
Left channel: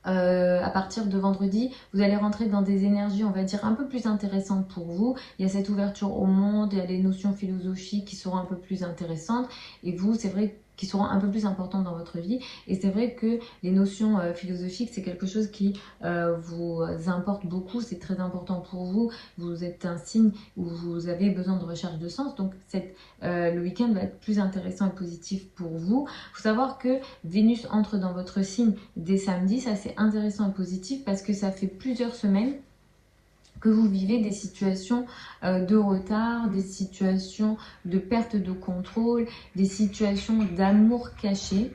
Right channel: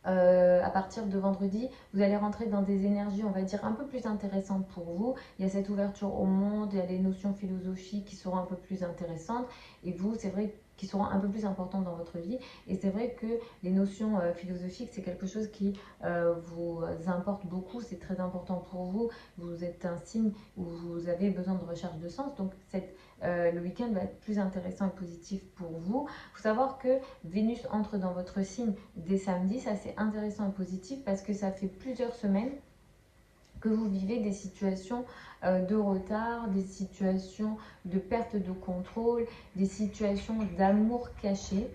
à partir de vendredi, vous allez rentrer dans des énergies, on va dire, un peu plus intéressantes pour vous. Il y a cette ouverture au monde, il y a les notions philosophiques qui seront un peu plus intéressantes. Et vous, c'est vrai qui seront un peu plus importantes dans votre vie. Et c'est vrai que les notions philosophiques, c'est quelque chose qui vous importe beaucoup, c'est très important pour vous. Vous êtes un signe où vous avez besoin de recherche de sens. Donc le week-end va être plus intéressant et positif pour vous. Il faut savoir que Vénus entre dans votre signe dès samedi, ça c'est intéressant et positif parce que ça fait plusieurs semaines que vous vivez des situations de retard, des situations de perte de contrôle, des situations d'amour caché.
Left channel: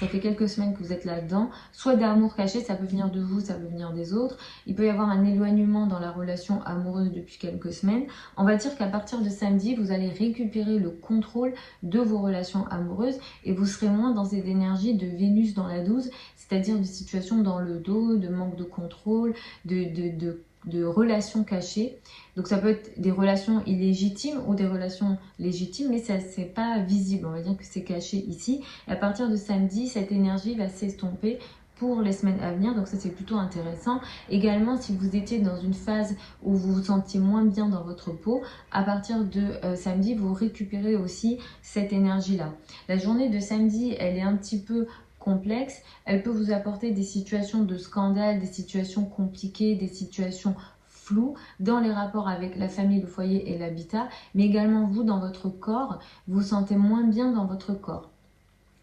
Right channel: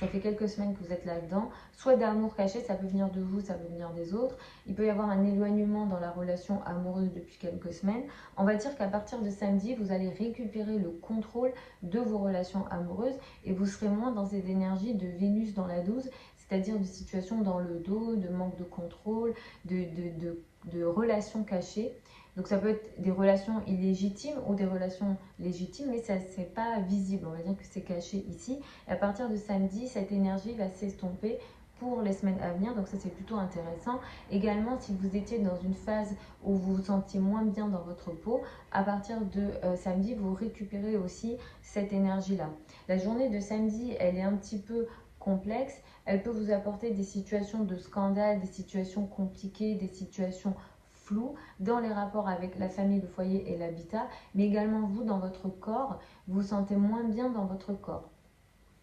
Ça fait quelques semaines que vous êtes là-dedans. Soit d'amour caché, ça peut venir de vous, ça peut venir des autres. Il peut y avoir un éloignement dans la relation amoureuse depuis quelques semaines. On va dire qu'à partir de samedi, vous allez récupérer le contrôle de vos relations amoureuses et vous serez moins dans ces énergies de Vénus dans la 12, c'est-à-dire de situations dans le dos, de manque de contrôle, de relations cachées. Donc ça peut être des relations illégitimes ou des relations légitimes, mais ça c'est pas visible, on va dire que c'est caché ici. Et à partir de samedi, cette énergie va s'estomper pour les semaines à venir, donc ça c'est plutôt intéressant. Également, si vous étiez dans une phase où vous vous sentiez moins bien dans votre peau, à partir de samedi, vous récupérez aussi cette énergie-là. La journée de samedi, elle est un petit peu complexe, elle peut vous apporter des situations de scandale, des situations compliquées, des situations floues dans les rapports avec la famille, le foyer et l'habitat, mais également vous dans votre corps, vous vous sentez moins bien dans votre corps.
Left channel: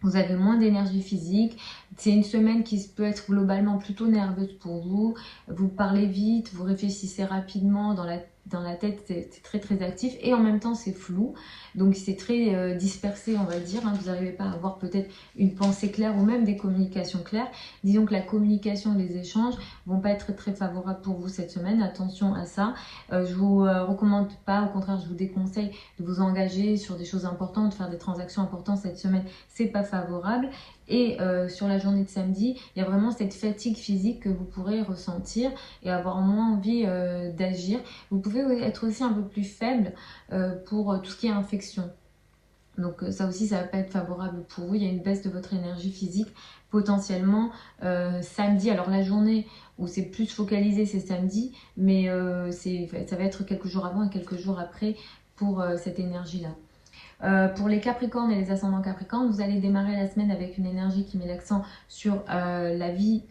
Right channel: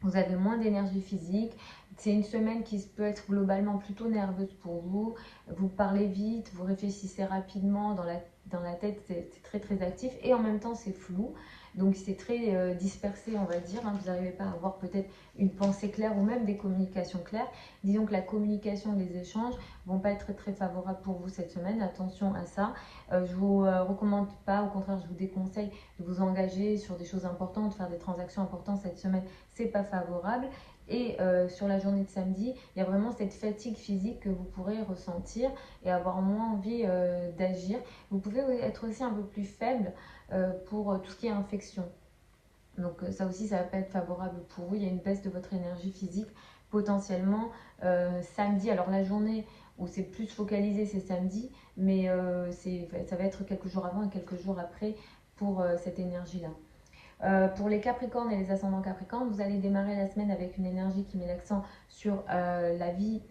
Vous avez moins d'énergie physique, c'est une semaine qui peut être globalement plutôt nerveuse pour vous, vous parlez vite, vous réfléchissez rapidement dans dans la tête, c'est très très actif et en même temps c'est flou. Donc c'est très dispersé, on va dire. Hein. Vous n'arrivez pas à avoir peut-être une pensée claire ou même des communications claires. Disons que la communication, les échanges vont pas être très favorables pour vous cette semaine. Attention à ça. Je vous recommande pas, au contraire, je vous déconseille de vous engager sur des choses importantes, faire des transactions importantes cette semaine. C'est pas favorable. Et sur la journée de samedi, il y a vraiment cette fatigue physique que vous pourrez ressentir et avoir moins envie d'agir. Vous pouvez être aussi un peu plus faible pour tout ce qui est infection. Donc ça aussi, ça ne va pas être favorable pour vous. Il y a une baisse de votre énergie physique potentiellement samedi. Alors la journée où c'est plus focalisé, c'est samedi, mais ça va être quelques jours avant et quelques jours après pour cette énergie-là. Pour les Capricornes et les ascendants Capricornes, vous allez démarrer la semaine avec une énergie qui met l'accent sur la vie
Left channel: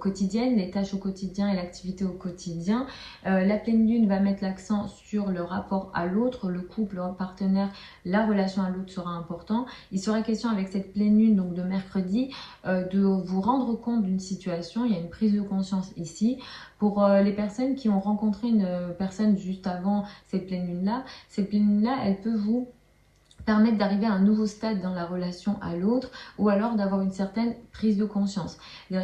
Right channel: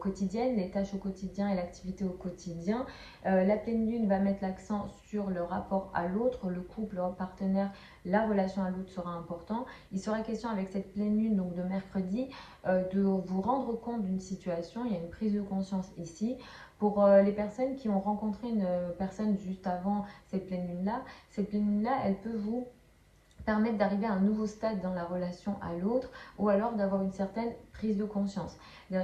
quotidienne, les tâches au quotidien et l'activité au quotidien. La pleine lune va mettre l'accent sur le rapport à l'autre, le couple, le partenaire, la relation à l'autre sera important. Il sera question avec cette pleine lune, donc de mercredi, de vous rendre compte d'une situation. Il y a une prise de conscience ici. Pour les personnes qui ont rencontré une personne juste avant cette pleine lune-là, elle peut vous permettre d'arriver à un nouveau stade dans la relation à l'autre ou alors d'avoir une certaine prise de conscience.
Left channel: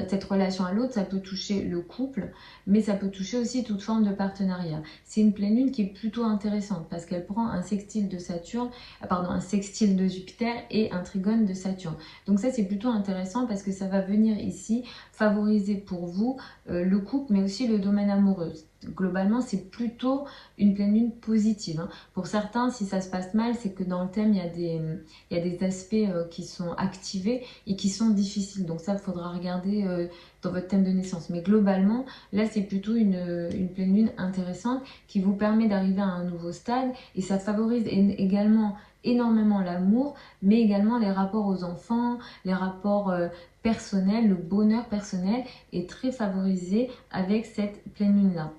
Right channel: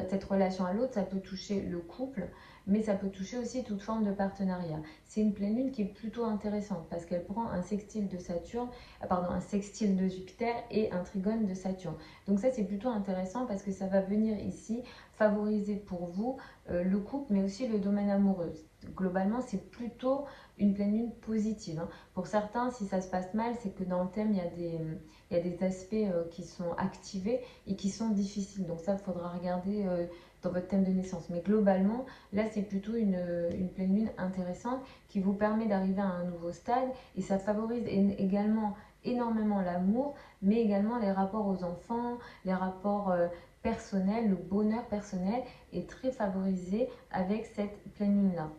Cette relation à l'autre, ça peut toucher le couple, mais ça peut toucher aussi toute forme de partenariat. C'est une pleine lune qui est plutôt intéressante parce qu'elle prend un sextile de Saturne, un sextile de Jupiter et un trigone de Saturne. Donc ça, c'est plutôt intéressant parce que ça va venir ici favoriser pour vous le couple, mais aussi le domaine amoureux. Globalement, c'est plutôt une pleine lune positive. Hein. Pour certains, si ça se passe mal, c'est que dans le thème, il y a des aspects qui sont activés et qui sont difficiles. Donc ça, il faudra regarder dans votre thème de naissance. Mais globalement, là, c'est plutôt une pleine lune intéressante qui vous permet d'arriver à un nouveau stade et ça favorise également énormément l'amour, mais également les rapports aux enfants, les rapports personnels, le bonheur personnel est très favorisé avec cette pleine lune-là.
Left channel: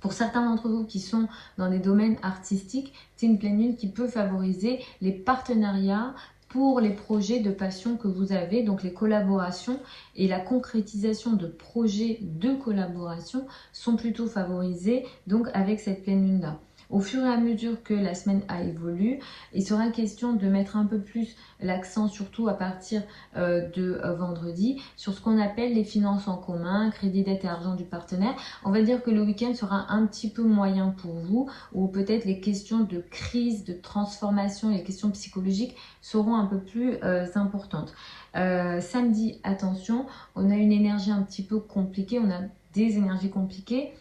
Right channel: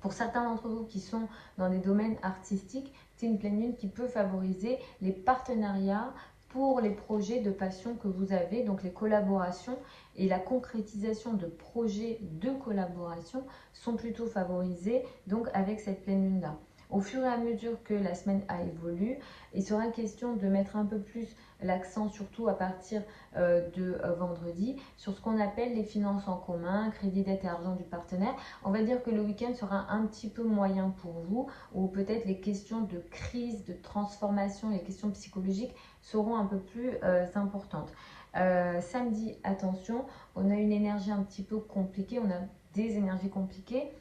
Pour certains d'entre vous qui sont dans des domaines artistiques, c'est une pleine lune qui peut favoriser les partenariats pour les projets de passion que vous avez, donc les collaborations et la concrétisation de projets de collaboration sont plutôt favorisés donc avec cette pleine lune-là. Au fur et à mesure que la semaine a évolué, il sera question de mettre un peu plus l'accent, surtout à partir de vendredi, sur ce qu'on appelle les finances en commun, crédit, dette et argent du partenaire. On va dire que le week-end sera un petit peu moyen pour vous, ou peut-être les questions de crise, de transformation, les questions psychologiques seront un peu plus importantes. Samedi, attention, on a une énergie un petit peu compliquée, on a des énergies compliquées.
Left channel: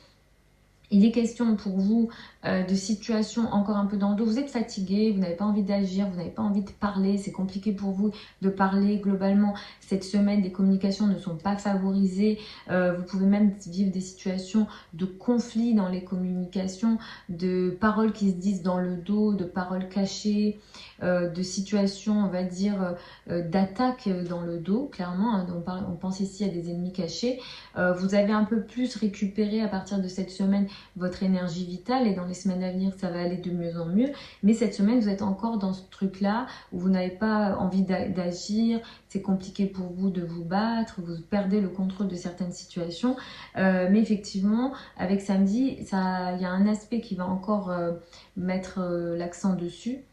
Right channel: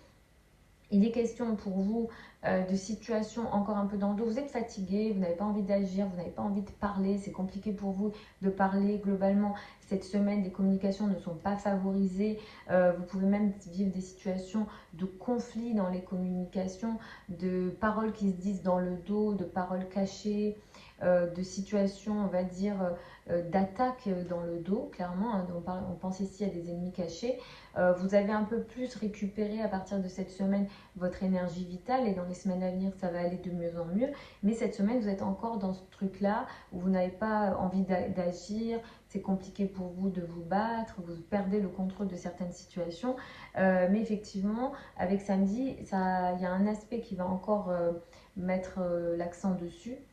Il est question pour vous de situations encore un peu dans le dos. Vous êtes fatigué, vous n'avez pas envie d'agir, vous n'avez pas envie de parler. C'est compliqué pour vous de parler. Globalement, cette semaine, les communications ne sont pas favorisées. Vous pouvez même vivre des situations de conflit dans les communications, de paroles qui se disent dans le dos, de paroles cachées, de situations, on va dire, d'attaque dans le dos, clairement. Hein, on pense ici à des ennemis cachés. Vous avez un peu plus récupéré à partir de cette semaine votre énergie vitale et dans les semaines à venir ça va aller de mieux en mieux, mais cette semaine vous êtes encore dans ce truc là où vous n'avez pas envie d'agir, c'est compliqué pour vous de vous battre, vous perdez le contrôle de certaines situations, mais effectivement avec samedi il y a un aspect qui va encore mettre l'accent dessus,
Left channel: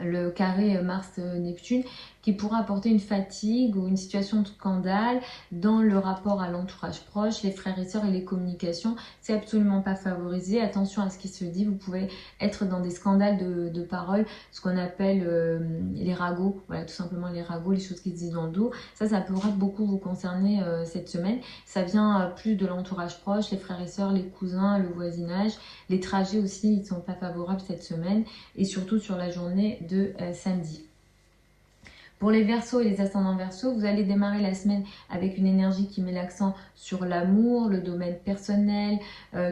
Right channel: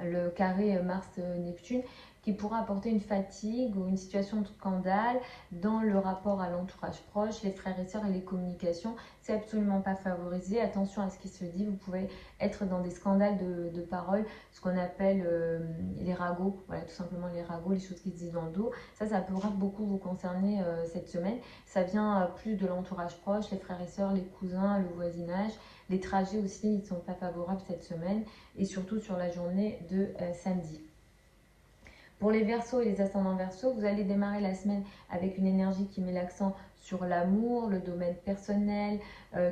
le carré Mars-Neptune, qui pourra apporter une fatigue ou une situation de scandale dans le rapport à l'entourage proche, les frères et sœurs et les communications. C'est absolument pas favorisé. Attention à ce qui se dit. Vous pouvez être dans des scandales de paroles, ce qu'on appelle les ragots. Voilà, tout simplement les ragots, les choses qui se disent dans le dos. Ça pourra beaucoup vous concerner cette semaine. Ça vient plus de l'entourage proche, les frères et sœurs, les cousins, le voisinage. Les trajets aussi, ils ne sont pas favorables cette semaine et surtout sur la journée de samedi. Pour les Verseaux et les ascendants Verseaux, vous allez démarrer la semaine avec une énergie qui met l'accent sur l'amour, le domaine personnel,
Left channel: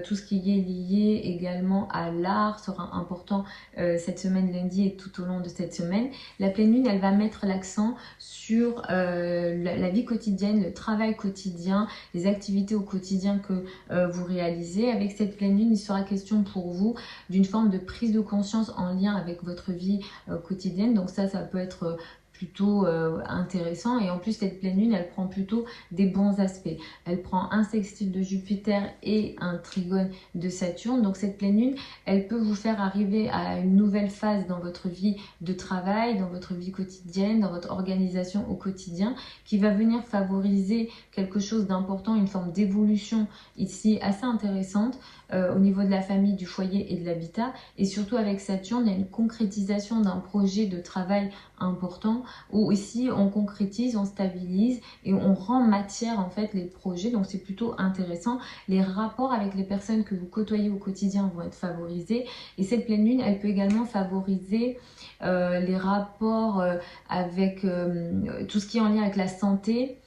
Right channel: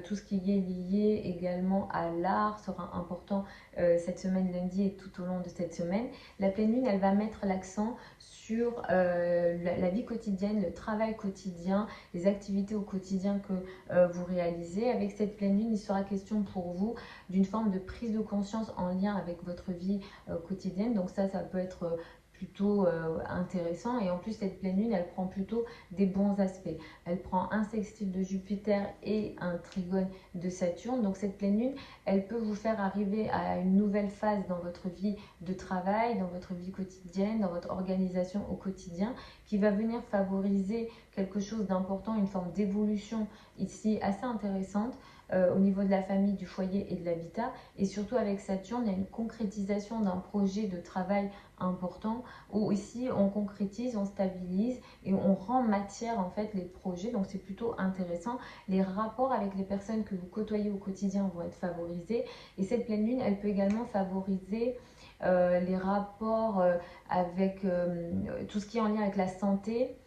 tout ce qui est lié également à l'art sera important cette semaine lundi et tout au long de cette semaine. La pleine lune, elle va mettre l'accent sur la vie quotidienne, le travail quotidien, les activités au quotidien que vous réalisez. Avec cette pleine lune, il sera question pour vous d'une forme de prise de conscience en lien avec votre vie quotidienne. Donc ça peut être plutôt intéressant. Et en plus, cette pleine lune, elle prend plutôt des bons aspects. Elle prend un sextile de Jupiter et un trigone de Saturne. Donc cette pleine lune, elle peut vous faire arriver à une nouvelle phase dans votre vie de travail, dans votre vie quotidienne, dans votre organisation au quotidien, qui va venir favoriser quelque chose d'important, une forme d'évolution ici assez intéressante au niveau de la famille, du foyer et de l'habitat. Et surtout avec Saturne, il y a une concrétisation d'un projet de travail important où ici on concrétise, on stabilise et on rend matière en fait les projets. Donc c'est plutôt intéressant. Les rapports avec les personnes que vous côtoyez au quotidien vont être favorisés. Et cette pleine lune, elle peut également favoriser les rapports avec tout ce qui est en lien avec la santé.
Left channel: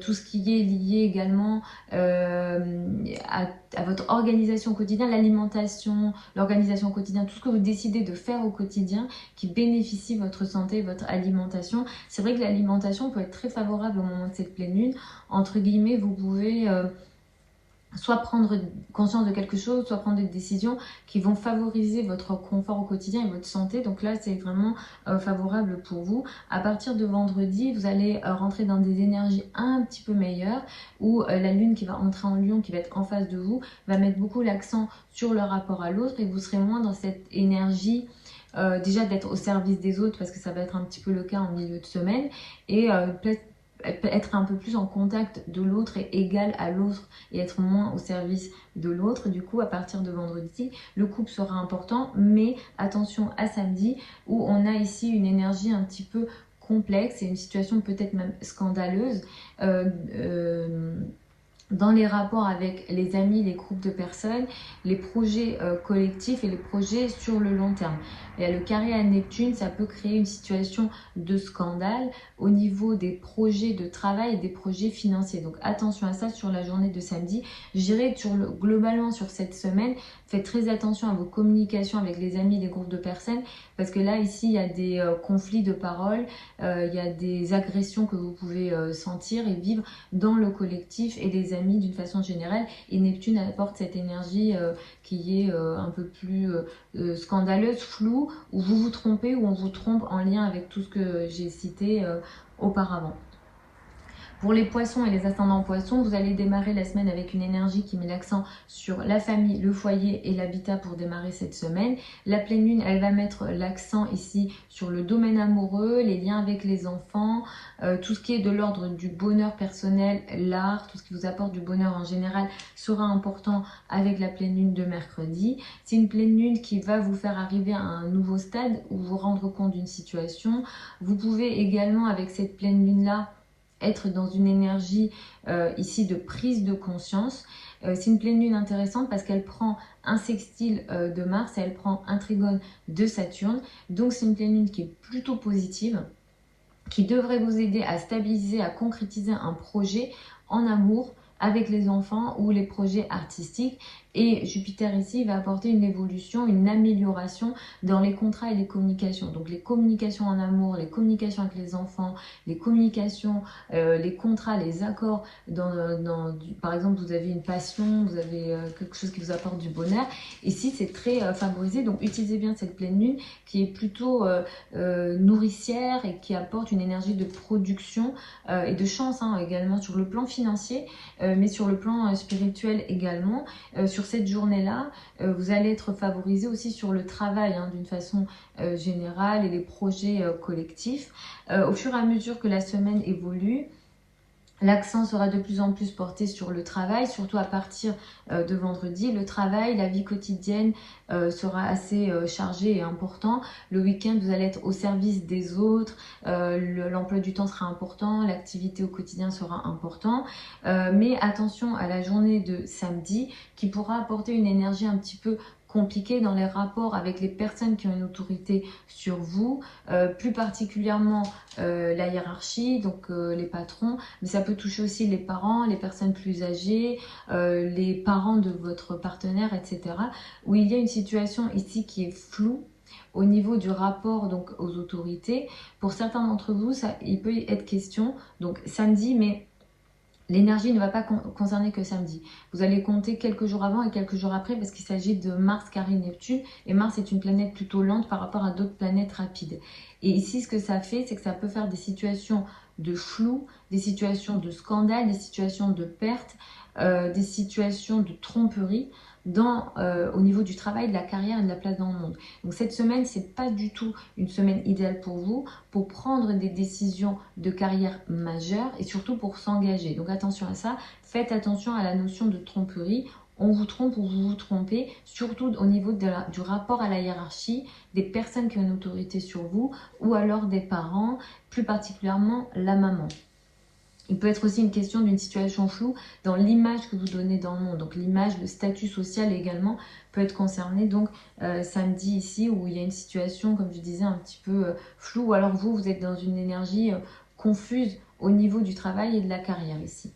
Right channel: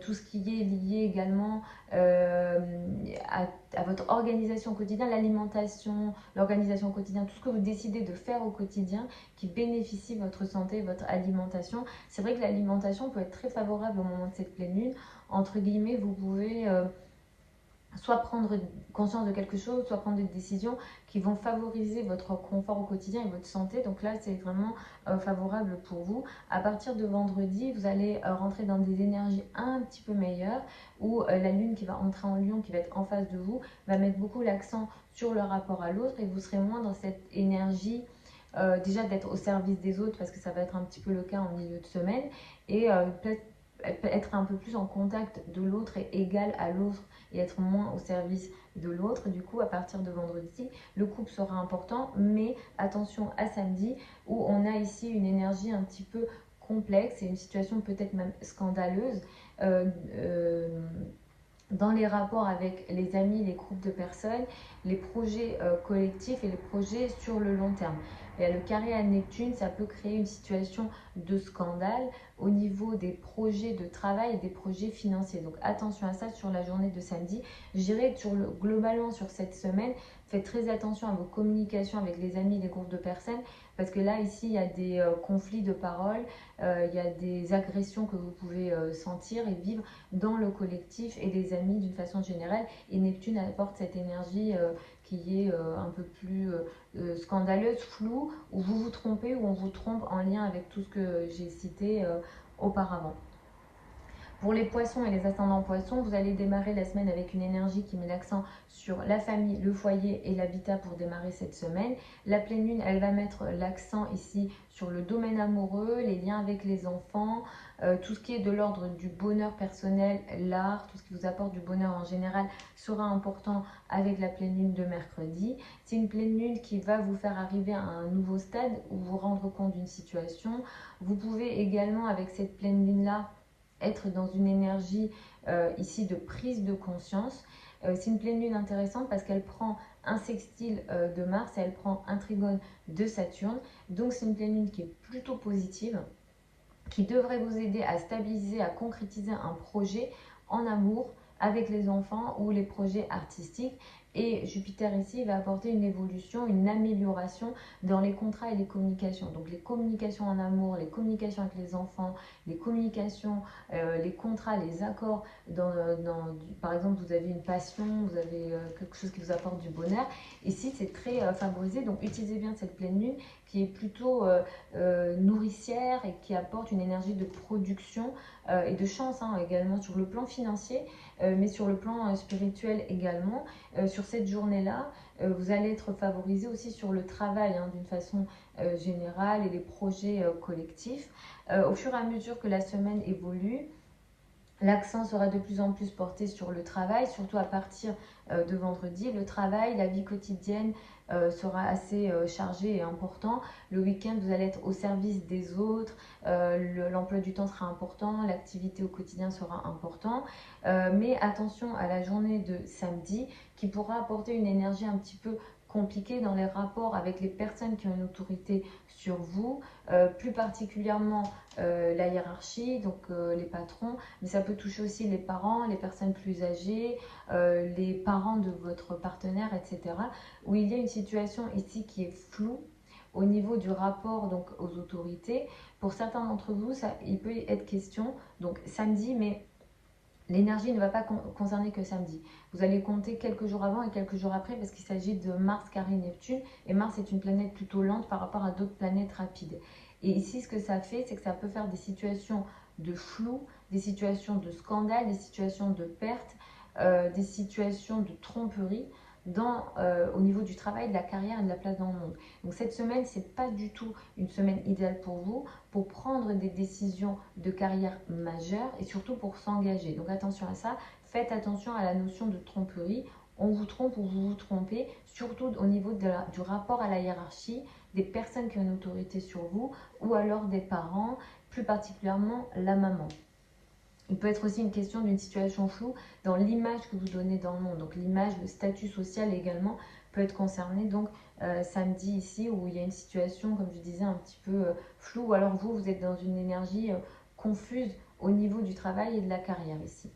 Tout ce qui est lié également à votre organisation au quotidien, l'alimentation, l'organisation au quotidien, tout ce que vous décidez de faire au quotidien qui bénéficie votre santé, votre alimentation. C'est vrai que l'alimentation peut être très favorable au moment de cette pleine lune. Entre guillemets, vous pouvez soit prendre conscience de quelque chose, soit prendre des décisions qui vont favoriser votre confort au quotidien et votre santé. Donc là, c'est vraiment favorable pour vous. À partir de vendredi, vous allez rentrer dans des énergies un petit peu meilleures où la lune qui va entrer en Lion, qui va être en face de vous, va mettre beaucoup l'accent sur le rapport à l'autre et vous serez moins dans cette énergie déjà d'être au service des autres parce que ça va être un petit peu le cas en milieu de semaine et peut-être être un peu plus en contact de l'autre et égal à l'autre et être moins au service de l'autre. Du coup, à partir de vendredi, le couple sera important, mais attention à samedi où on a ici une énergie un petit peu complexe et une situation peut-être même scandaleuse dans les rapports avec les amis, les groupes de personnes, les projets collectifs et les projets sur le long terme. Et le carré à Neptune, ça peut créer une situation de scandale au niveau des projets de travail et des projets financiers. Donc attention à ça sur la journée de samedi. Je dirais que globalement sur cette semaine, faites très attention à vos communications avec les amis, les groupes de personnes, parce que là, ici, il y a des conflits de paroles, il y a des agressions que vous pouvez sentir et vivre dans le collectif et les amis d'une façon générale. Et Neptune apporte cette énergie qui est un peu plus scandaleuse, floue, où vous vous trompez, où on vous trompe en lien avec tout ce que j'ai cité auparavant. Pour les poissons et les ascendants poissons, vous allez démarrer la semaine avec une énergie qui met l'accent sur la famille, le foyer et l'habitat pour démarrer cette semaine. La pleine lune, elle va mettre l'accent ici sur le domaine amoureux, les liens avec les enfants, tout ce qui est de l'ordre du bonheur personnel, l'art, tout ce qui vous apporte du bonheur en général sera important avec la pleine lune de mercredi. C'est une pleine lune qui va vous faire arriver à un nouveau stade ou vous rendre compte d'une situation. Vous pouvez également avec cette pleine lune-là être dans une énergie ici de prise de conscience. C'est une pleine lune intéressante parce qu'elle prend un sextile de Mars et elle prend un trigone de Saturne. Donc c'est une pleine lune qui est plutôt positive, qui devrait vous aider à stabiliser, à concrétiser un projet en amour avec les enfants ou les projets artistiques. Et Jupiter ici va apporter une évolution, une amélioration dans les contrats et les communications. Donc les communications en amour, les communications avec les enfants, les communications, les contrats, les accords. Par exemple, vous avez une passion, vous avez quelque chose qui vous apporte du bonheur. Ici, c'est très favorisé. Donc utilisez bien cette pleine lune qui est plutôt nourricière et qui apporte une énergie de production et de chance également sur le plan financier, mais sur le plan spirituel également. Sur cette journée-là, vous allez être favorisé aussi sur le travail d'une façon générale et les projets collectifs. Au fur et à mesure que la semaine évolue, l'accent sera de plus en plus porté sur le travail, surtout à partir de vendredi. Le travail, la vie quotidienne sera assez chargée et important. Le week-end, vous allez être au service des autres. L'emploi du temps sera important. L'activité au quotidien sera important. Mais attention à la journée de samedi qui pourra apporter une énergie un petit peu compliqué dans les rapports avec les personnes qui ont une autorité sur vous, plus particulièrement la hiérarchie, donc les patrons, mais ça peut toucher aussi les parents, les personnes plus âgées, les parents de votre partenaire, etc. Où il y a une situation ici qui est floue au niveau du rapport donc aux autorités. Pour certains d'entre vous, il peut être question, donc samedi, mais l'énergie ne va pas concerner que samedi. Vous allez compter quelques jours avant et quelques jours après parce qu'il s'agit de Mars carré Neptune. Et Mars est une planète plutôt lente par rapport à d'autres planètes rapides. Et ici, ce que ça fait, c'est que ça peut faire des situations de flou, des situations de scandale, des situations de perte, des situations de tromperie au niveau du travail, de la carrière et de la place dans le monde. Donc cette semaine, c'est pas du tout une semaine idéale pour vous, pour prendre des décisions de carrière majeures et surtout pour s'engager. Donc attention à ça, faites attention à la notion de tromperie. On vous trompe ou vous vous trompez, surtout au niveau du rapport à la hiérarchie, des personnes qui ont une autorité sur vous ou alors des parents, plus particulièrement la maman. Il peut être aussi une question d'une situation floue dans l'image que vous donnez dans le monde. Donc l'image, le statut social également peut être concerné. Donc samedi ici où il y a une situation, comme je disais, un petit peu floue. Ou alors vous êtes dans une énergie confuse au niveau du travail et de la carrière ici.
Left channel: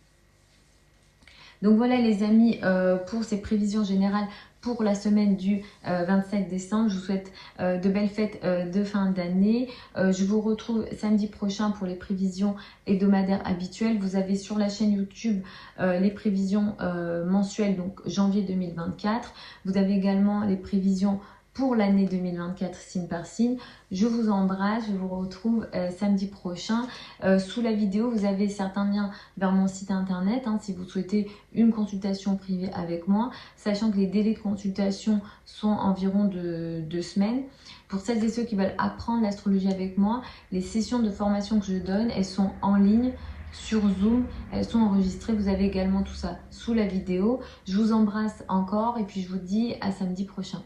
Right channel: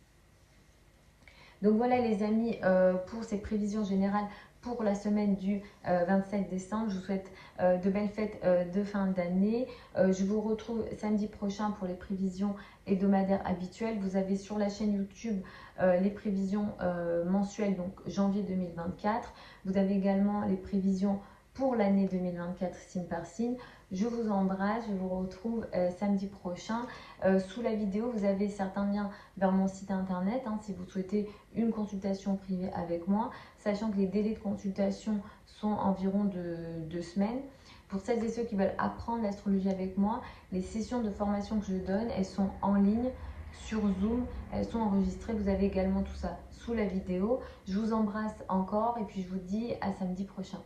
Donc voilà les amis, pour ces prévisions générales pour la semaine du 27 décembre. Je vous souhaite de belles fêtes de fin d'année. Je vous retrouve samedi prochain pour les prévisions hebdomadaires habituelles. Vous avez sur la chaîne YouTube les prévisions mensuelles, donc janvier 2024. Vous avez également les prévisions pour l'année 2024 signe par signe. Je vous embrasse, je vous retrouve samedi prochain. Sous la vidéo, vous avez certains liens vers mon site internet si vous souhaitez une consultation privée avec moi, sachant que les délais de consultation sont environ de 2 semaines. Pour celles et ceux qui veulent apprendre l'astrologie avec moi, les sessions de formation que je donne, elles sont en ligne sur Zoom, elles sont enregistrées. Vous avez également tout ça sous la vidéo. Je vous embrasse encore et puis je vous dis à samedi prochain.